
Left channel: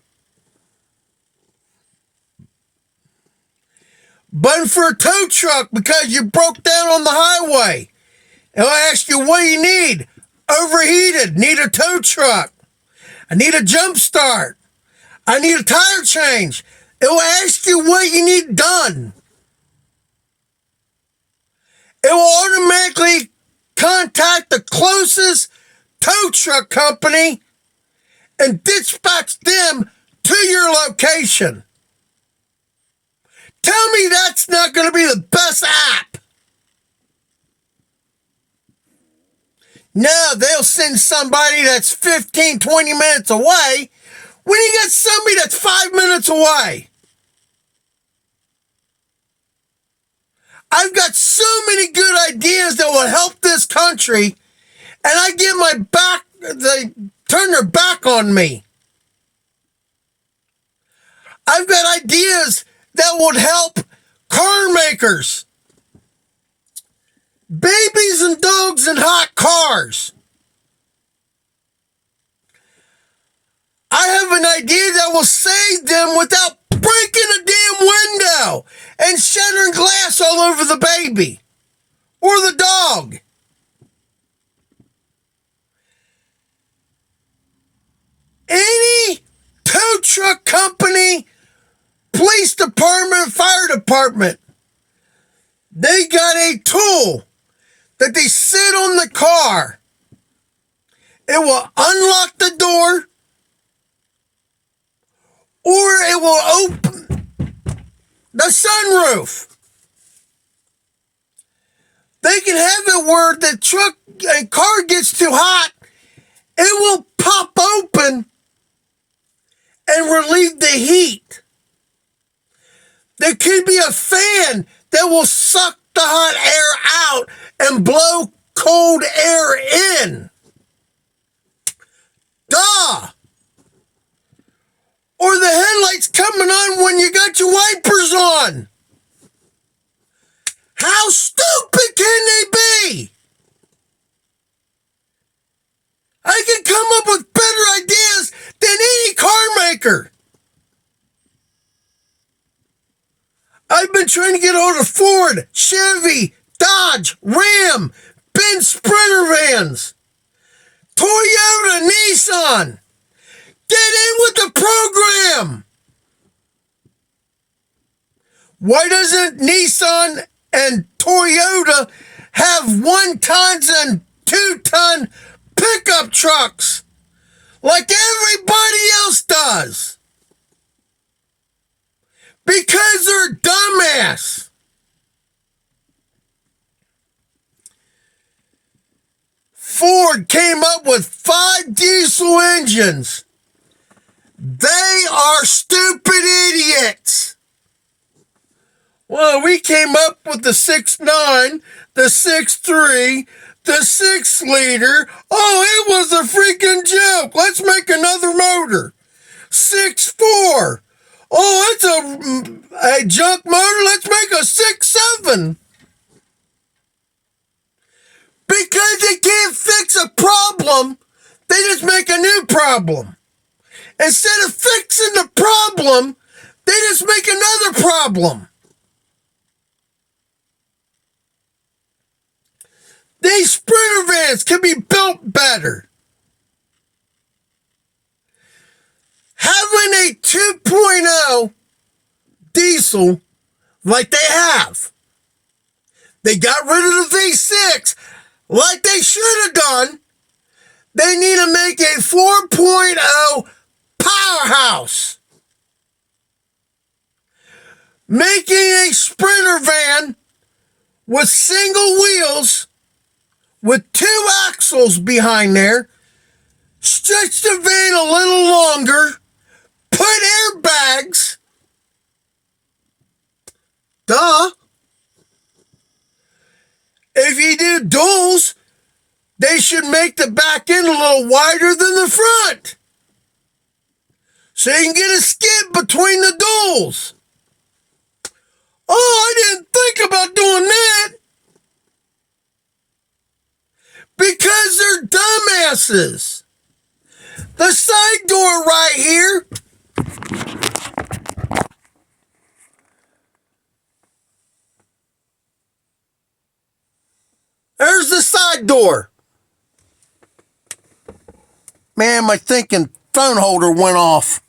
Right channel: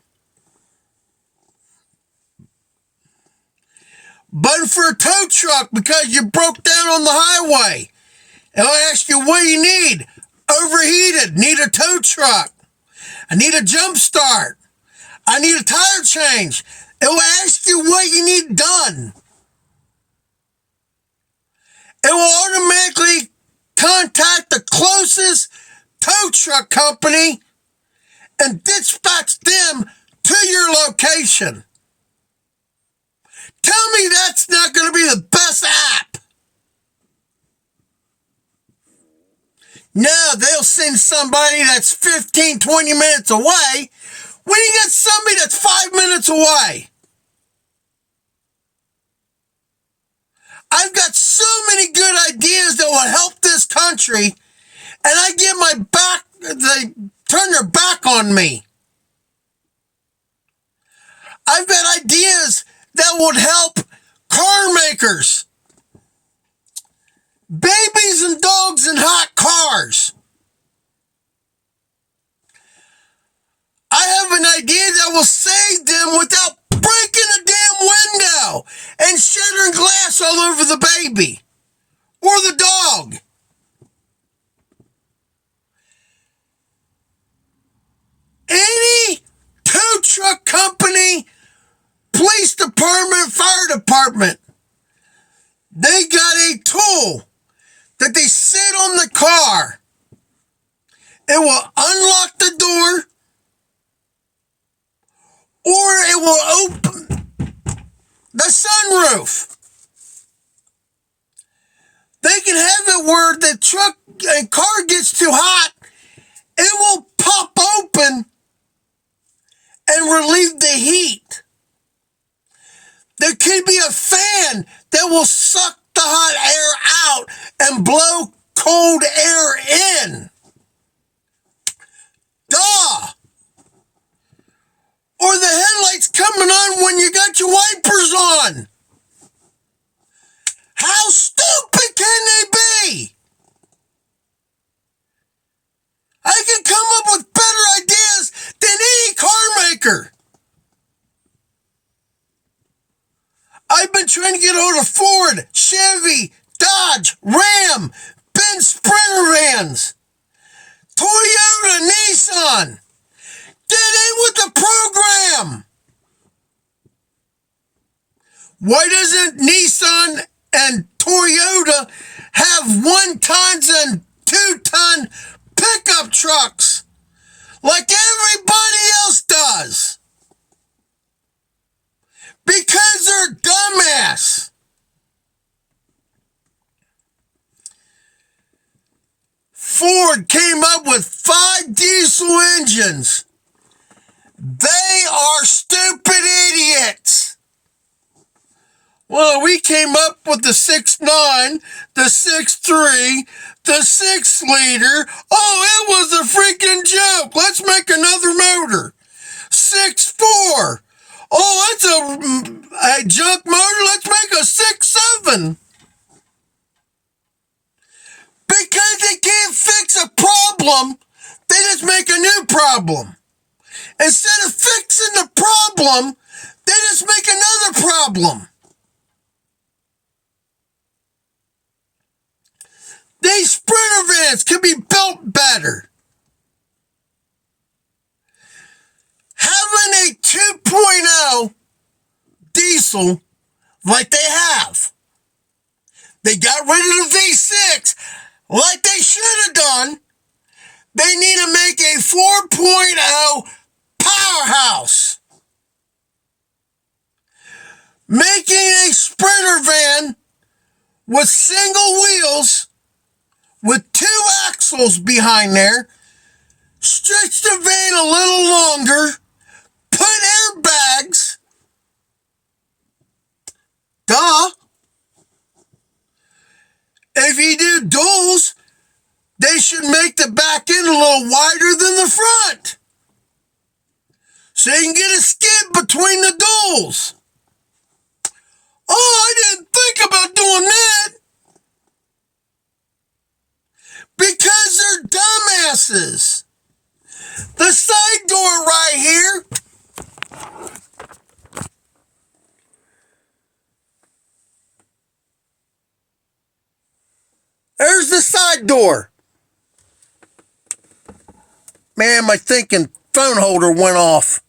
But for a tow truck, because you broke down on the highway, and I ask you, what do you need? Overheated, need a tow truck. I need a jump start. I need a tire change. It will ask you what you need done. It will automatically contact the closest tow truck company and dispatch them to your location. Tell me that's not going to be the best app. No, they'll send somebody that's 15, 20 minutes away when you got somebody that's 5 minutes away. I've got so many good ideas that will help this country, and I get my back, they turn their back on me. I've got ideas that would help car makers, babies and dogs in hot cars. I have an idea that will save them without breaking a damn window and shattering glass all over the baby or the dog. Any tow truck company, police department, fire department, they got a tool that they sit on the car. It will unlock the door, or it will open the sunroof. They can have it where the truck and car gets too hot, it will pop open and relieve the heat. There could be a fan that will suck the hot air out and blow cold air in. Duh! Or the headlights coming on when you got your wipers on. How stupid can they be? I can come up with better ideas than any car maker. I've been trying to get hold of Ford, Chevy, Dodge, Ram, Benz Sprinter vans, Toyota, Nissan. Get in with the program. Why doesn't Nissan and Toyota have 1-ton and 2-ton pickup trucks like everybody else does? Because they're dumbass. Ford came up with 5 diesel engines. They are stupid idiots. Well, we came up with the 6.9, the 6.3, the 6-liter. Oh, it was a freaking joke. Let's make another motor. 6.4. Oh, it's a junk motor. Let's make a 6.7. Because they can't fix a problem, they just make a new problem. Instead of fixing the problem, they just make another problem. These Sprinter vans can be built better. Having a 2.0 diesel like they have. They got rid of the V6 like they should have done. They need to make a 4.0 powerhouse. Making a Sprinter van with single wheels with 2 axles behind there, stretch the van a little longer, put airbags. Duh. If you do duals, they should make the back end a little wider than the front, so you can get a skid between the duals. Oh, I didn't think about doing that. Because they're dumbasses. The side door right here. There's the side door. Man, my thinking phone holder went off.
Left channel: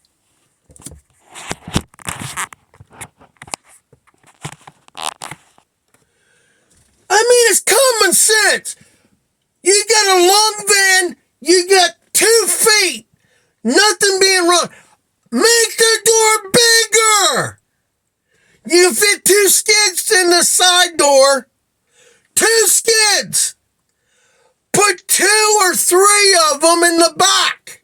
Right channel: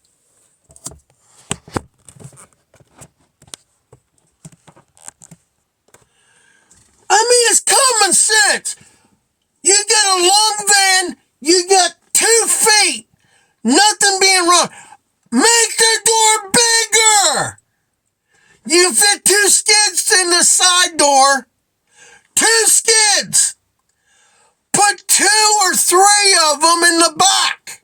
common sense. You got a long van, you got 2 feet, nothing being wrong. Make the door bigger. You fit 2 skids in the side door. 2 skids. Put 2 or 3 of them in the back.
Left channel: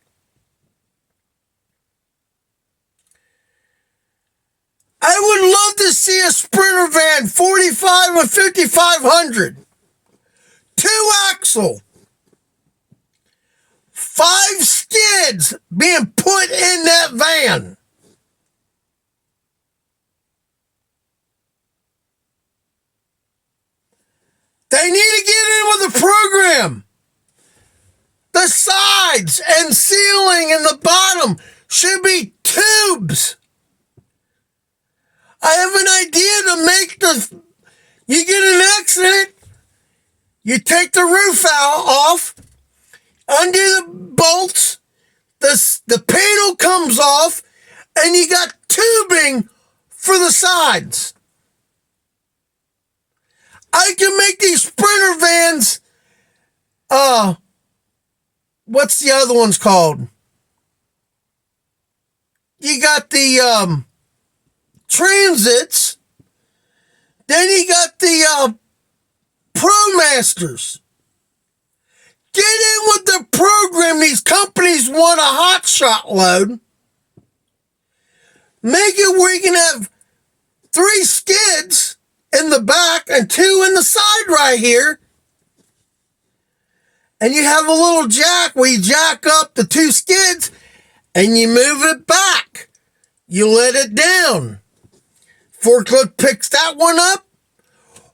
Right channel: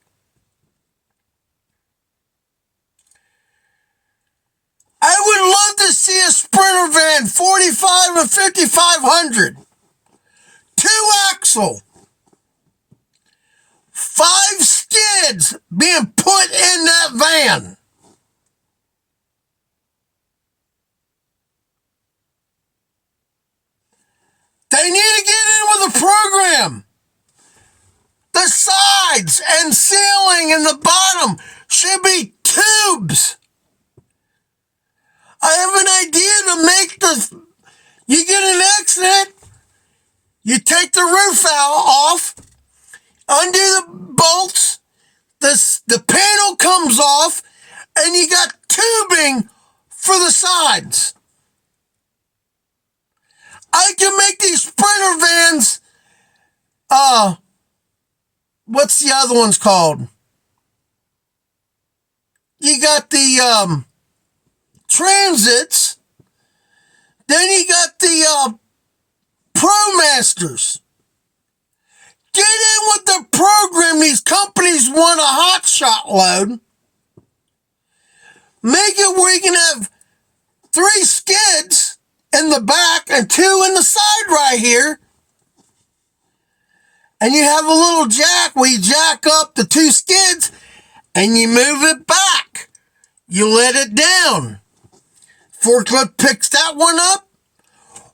I would love to see a Sprinter van, 45 or 5500. 2 axle. 5 skids being put in that van. They need to get in with a program. The sides and ceiling and the bottom should be tubes. I have an idea to make you get an accident, you take the roof off, undo the bolts, the panel comes off, and you got tubing for the sides. I can make these Sprinter vans, what's the other ones called? You got the Transits, then you got the ProMasters. Get in with the program. These companies want a hot shot load. Make it where you can have 3 skids in the back and 2 in the side right here. And you have a little jack where you jack up the 2 skids and you move it back. You let it down. Forklift picks that one up,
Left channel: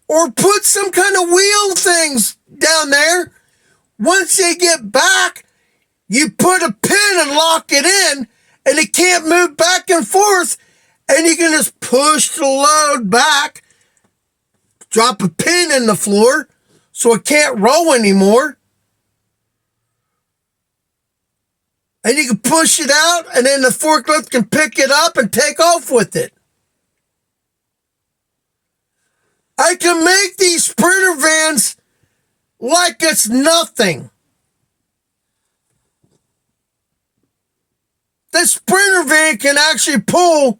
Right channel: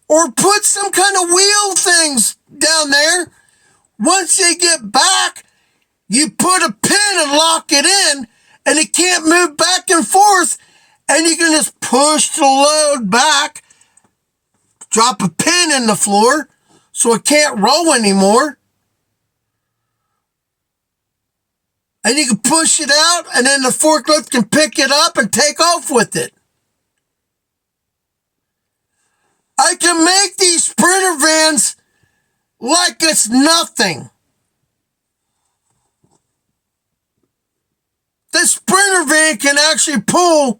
or put some kind of wheel things down there. Once they get back, you put a pin and lock it in, and it can't move back and forth, and you can just push the load back, drop a pin in the floor so it can't roll anymore, and you can push it out, and then the forklift can pick it up and take off with it. I can make these Sprinter vans like it's nothing. The Sprinter van can actually pull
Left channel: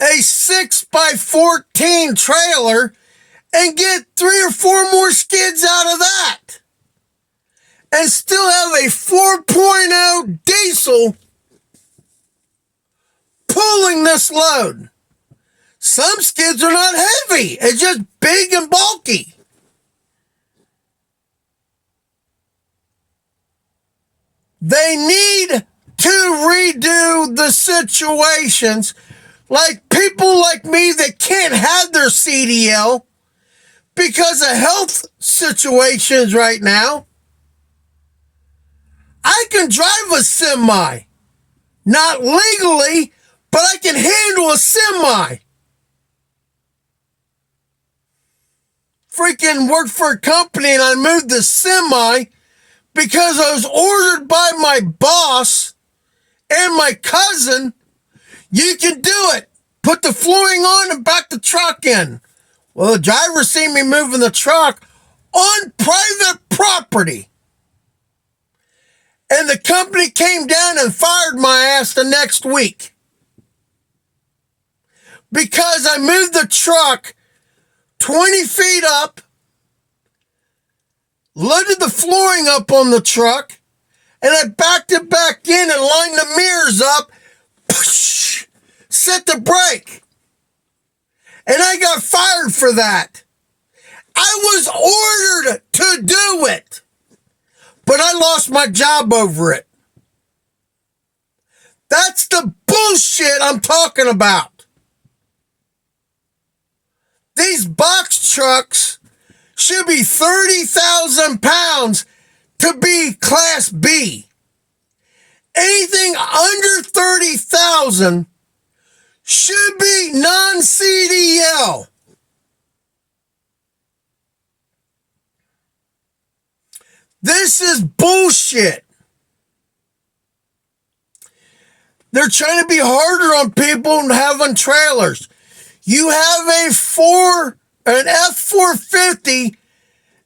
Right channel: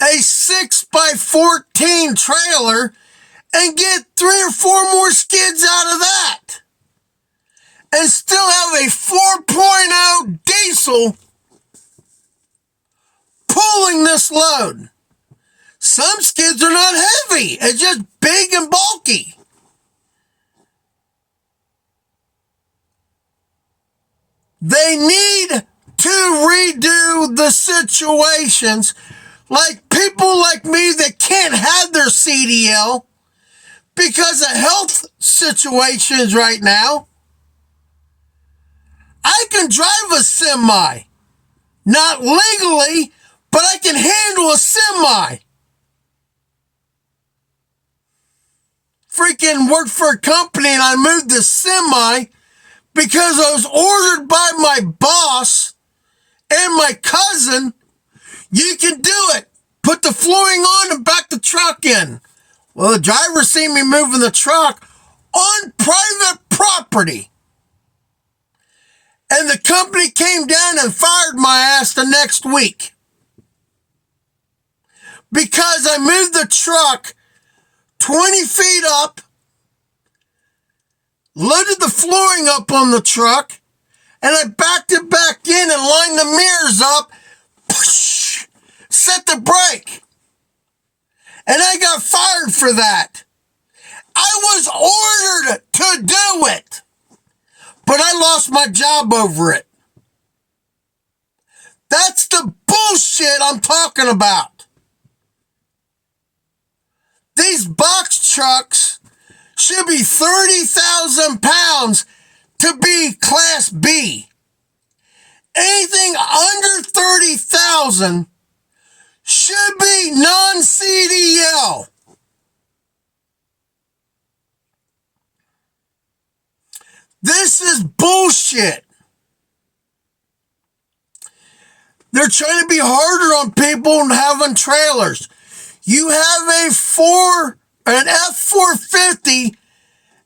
a 6x14 trailer and get 3 or 4 more skids out of that. And still have a 4.0 diesel pulling this load. Some skids are not heavy. It's just big and bulky. They need to redo the situations, like people like me that can't have their CDL because of health situations right now. I can drive a semi. Not legally, but I can handle a semi. Freaking worked for a company and I moved the semi because I was ordered by my boss and my cousin. You can do it. Put the flooring on and back the truck in. Well, the driver seen me moving the truck on private property. And the company came down and fired my ass the next week. Because I moved the truck 20 feet up, loaded the flooring up on the truck, and I backed it back in and lined the mirrors up, set the brake. And I got fired for that. I was ordered to do it, but I lost my job over it. That's the bullshit I'm talking about. These box trucks should be 30,000 pounds to be Class B. Anything under 30,000 should be non-CDL. This is bullshit. They're trying to be harder on people having trailers. You have a 4 an F450,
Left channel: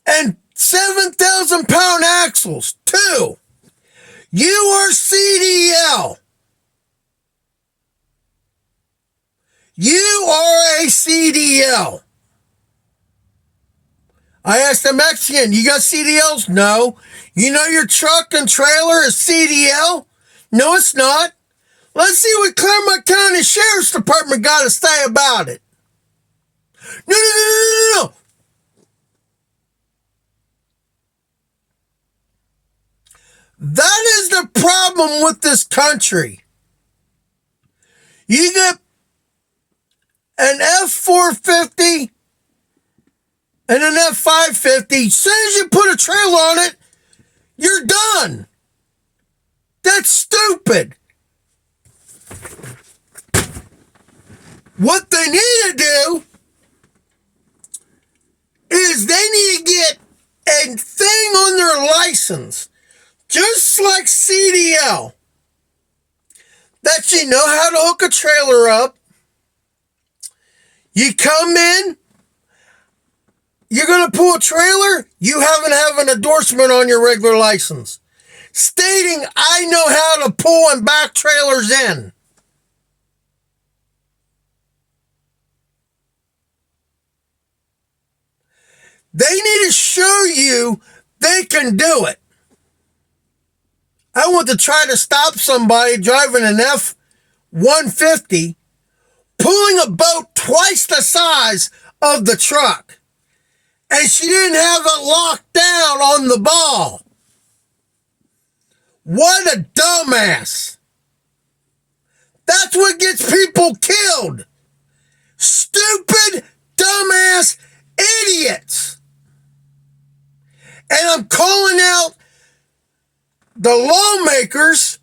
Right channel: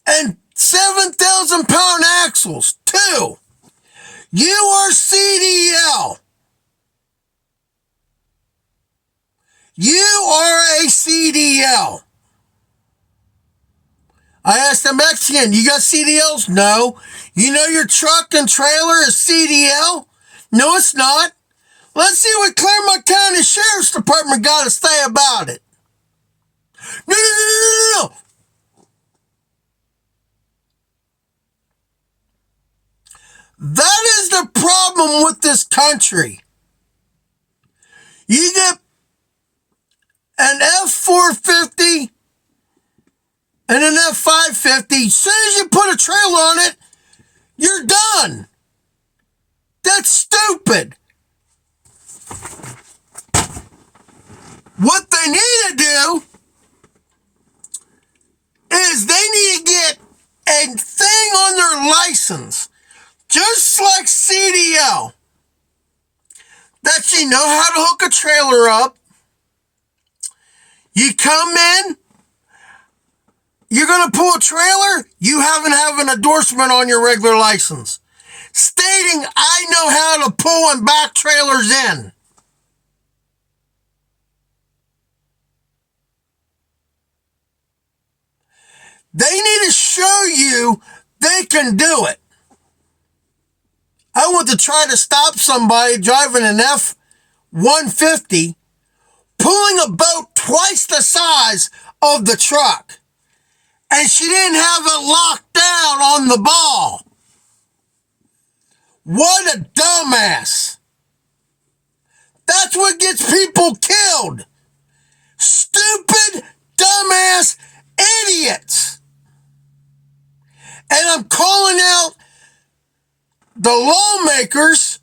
and 7,000-pound axles. 2, you are CDL. You are a CDL. I asked the Mexican, you got CDLs? No. You know your truck and trailer is CDL? No, it's not. Let's see what Claremont County Sheriff's Department got to say about it. No, no, no, no, no, no. That is the problem with this country. You get an F450 and an F550. As soon as you put a trailer on it, you're done. That's stupid. What they need to do is they need to get a thing on their license, just like CDL, that you know how to hook a trailer up. You come in, you're going to pull a trailer, you haven't have an endorsement on your regular license stating, I know how to pull and back trailers in. They need to show you they can do it. I want to try to stop somebody driving an F-150, pulling a boat twice the size of the truck, and she didn't have it locked down on the ball. What a dumbass. That's what gets people killed. Stupid, dumbass idiots. And I'm calling out the lawmakers,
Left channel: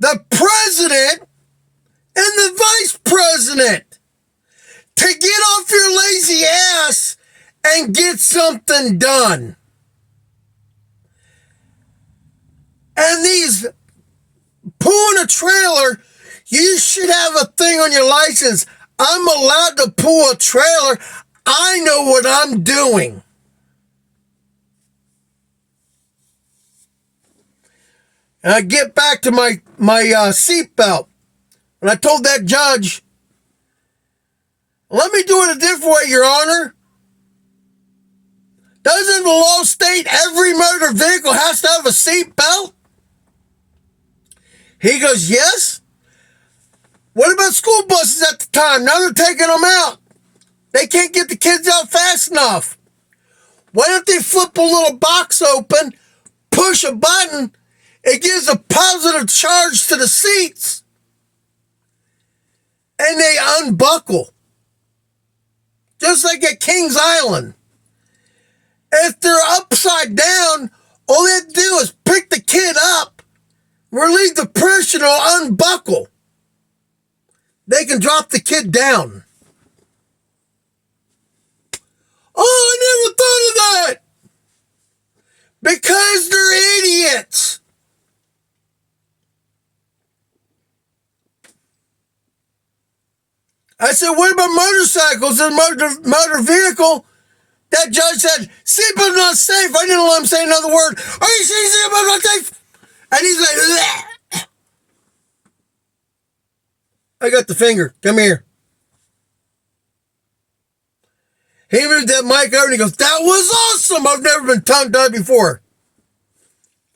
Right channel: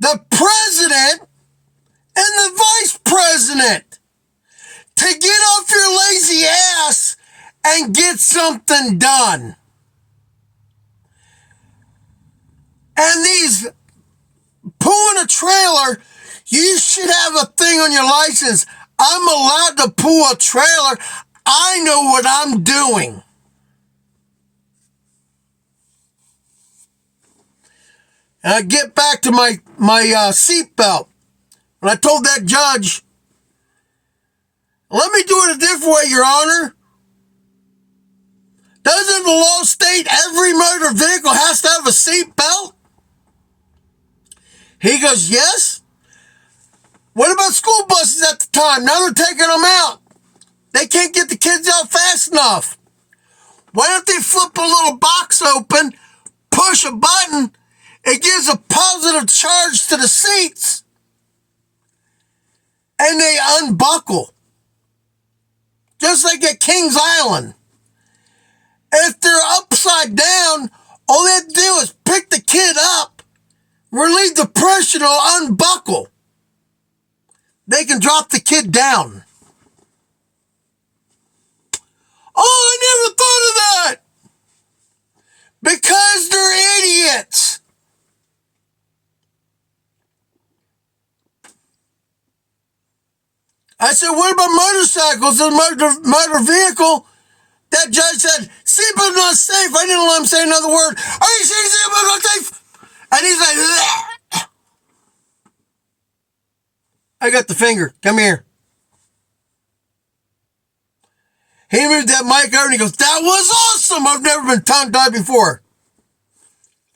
the president, and the vice president to get off your lazy ass and get something done. And these pulling a trailer, you should have a thing on your license. I'm allowed to pull a trailer. I know what I'm doing. And I get back to my seatbelt. And I told that judge, let me do it a different way, Your Honor. Doesn't the law state every motor vehicle has to have a seatbelt? He goes, yes. What about school buses at the time? Now they're taking them out. They can't get the kids out fast enough. Why don't they flip a little box open, push a button, it gives a positive charge to the seats, and they unbuckle. Just like at Kings Island. If they're upside down, all they have to do is pick the kid up, relieve the pressure, it'll unbuckle. They can drop the kid down. Oh, I never thought of that. Because they're idiots. I said, what about motorcycles and motor vehicle? That judge said, seatbelt not safe. I didn't let him say another word. Are you sure seatbelt not safe? And he's like, bleh. I got the finger. Come here. He moved that mic over and he goes, that was awesome. I've never been tongue-tied before.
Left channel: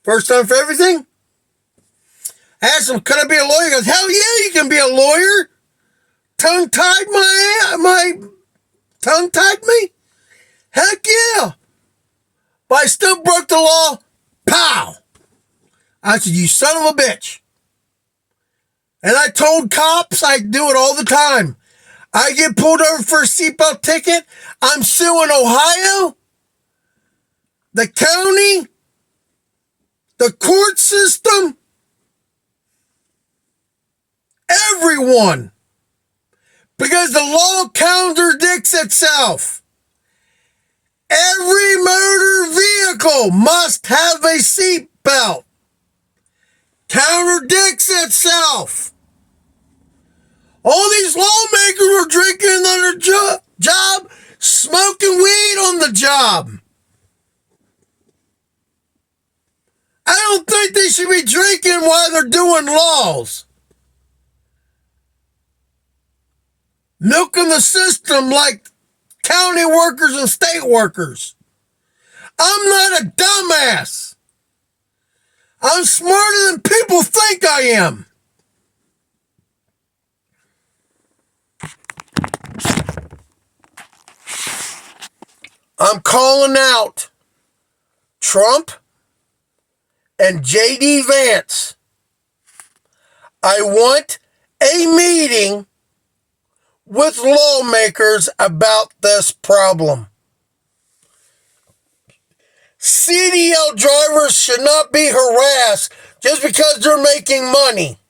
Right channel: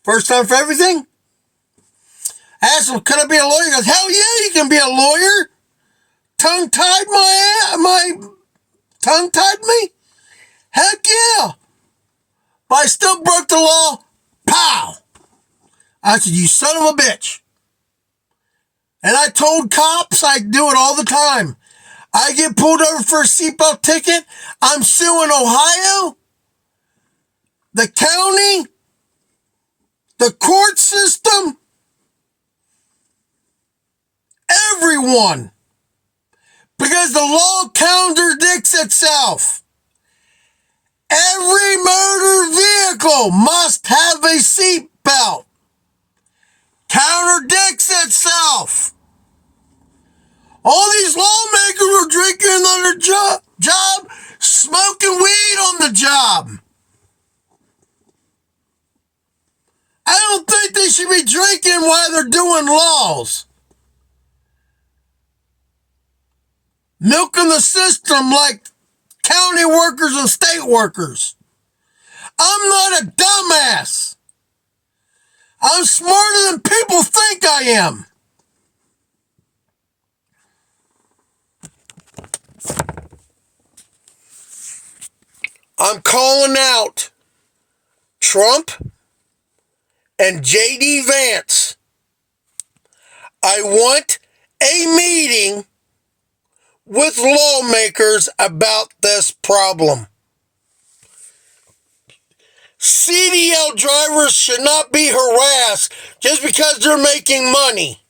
First time for everything? I asked him, could I be a lawyer? He goes, hell yeah, you can be a lawyer. Tongue-tied tongue-tied me? Heck yeah. But I still broke the law. Pow. I said, you son of a bitch. And I told cops I do it all the time. I get pulled over for a seatbelt ticket. I'm suing Ohio, the county, the court system, everyone. Because the law contradicts itself. Every motor vehicle must have a seatbelt. Contradicts itself. All these lawmakers are drinking on their job, smoking weed on the job. I don't think they should be drinking while they're doing laws. Milking the system like county workers and state workers. I'm not a dumbass. I'm smarter than people think I am. I'm calling out Trump and JD Vance. I want a meeting with lawmakers about this problem. CDL drivers should not be harassed just because they're making money.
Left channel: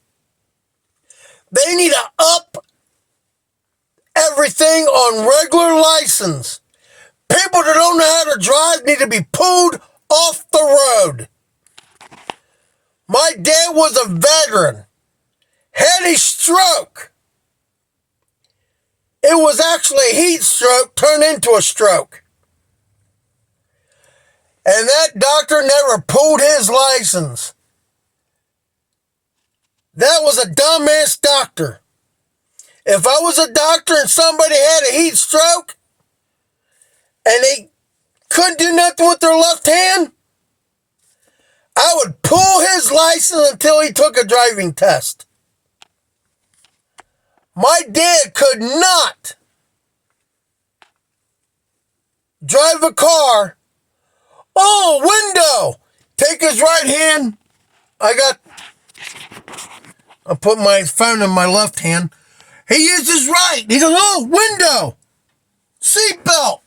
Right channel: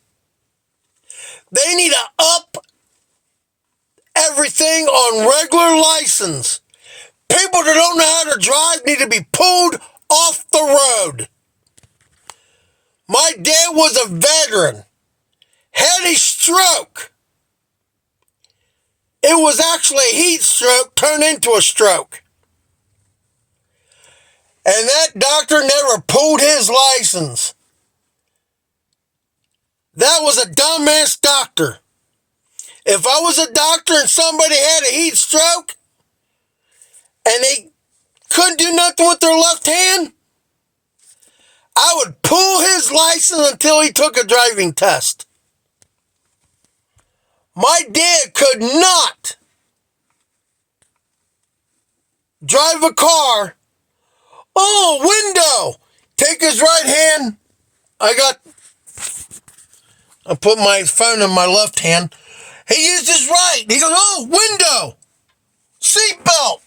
They need to up everything on regular license. People that don't know how to drive need to be pulled off the road. My dad was a veteran, had a stroke. It was actually a heat stroke turned into a stroke. And that doctor never pulled his license. That was a dumbass doctor. If I was a doctor and somebody had a heat stroke and they couldn't do nothing with their left hand, I would pull his license until he took a driving test. My dad could not drive a car. Oh, window. Take his right hand. I put my phone in my left hand. He used his right. He goes, oh, window. Seatbelt.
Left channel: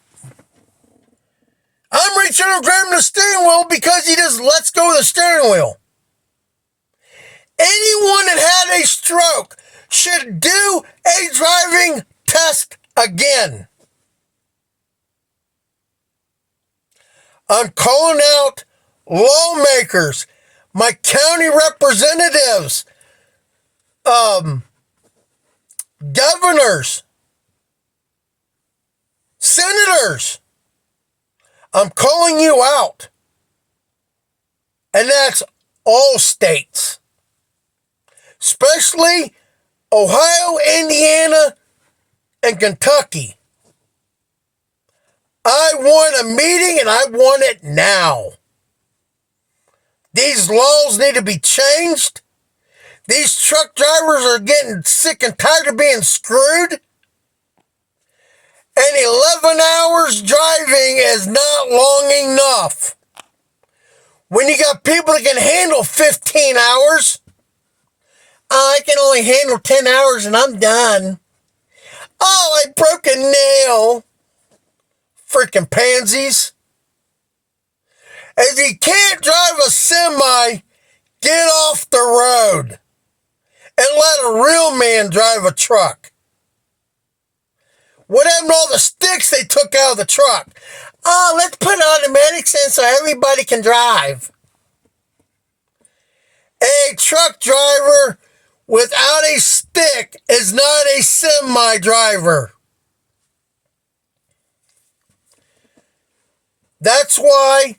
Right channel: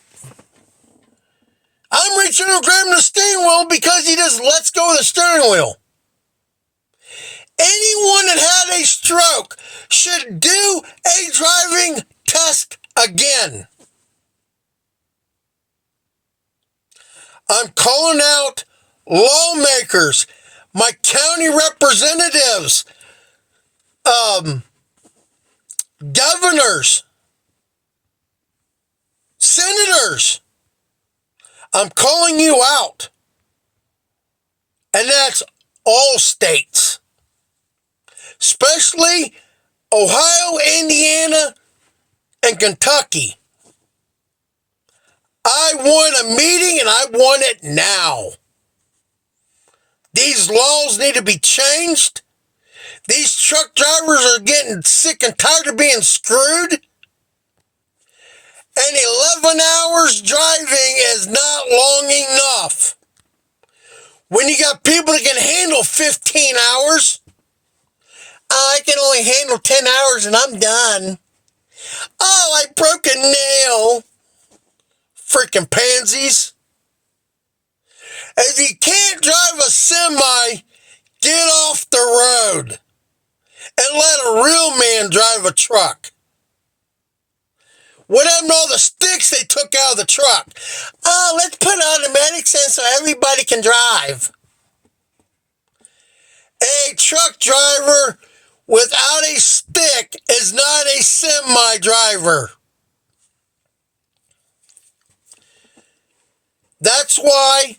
I'm reaching and grabbing the steering wheel because he just lets go of the steering wheel. Anyone that had a stroke should do a driving test again. I'm calling out lawmakers, my county representatives, governors, senators. I'm calling you out. And that's all states, especially Ohio, Indiana, and Kentucky. I want a meeting and I want it now. These laws need to be changed. These truck drivers are getting sick and tired of being screwed. And 11 hours driving is not long enough. When you got people that can handle 15 hours, I can only handle 10 hours and I'm done. Oh, I broke a nail. Freaking pansies. If you can't drive a semi, get off the road and let a real man drive a truck. What happened to all the sticks they took out of the truck? Oh, let's put automatics in so everybody can drive. A truck driver without a stick is not a semi driver. That's why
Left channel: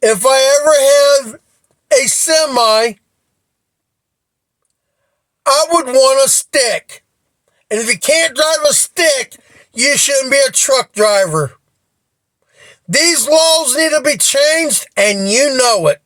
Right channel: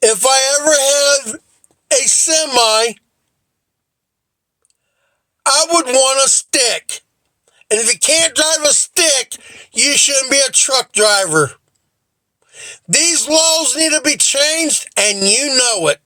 if I ever have a semi, I would want a stick. And if you can't drive a stick, you shouldn't be a truck driver. These laws need to be changed, and you know it.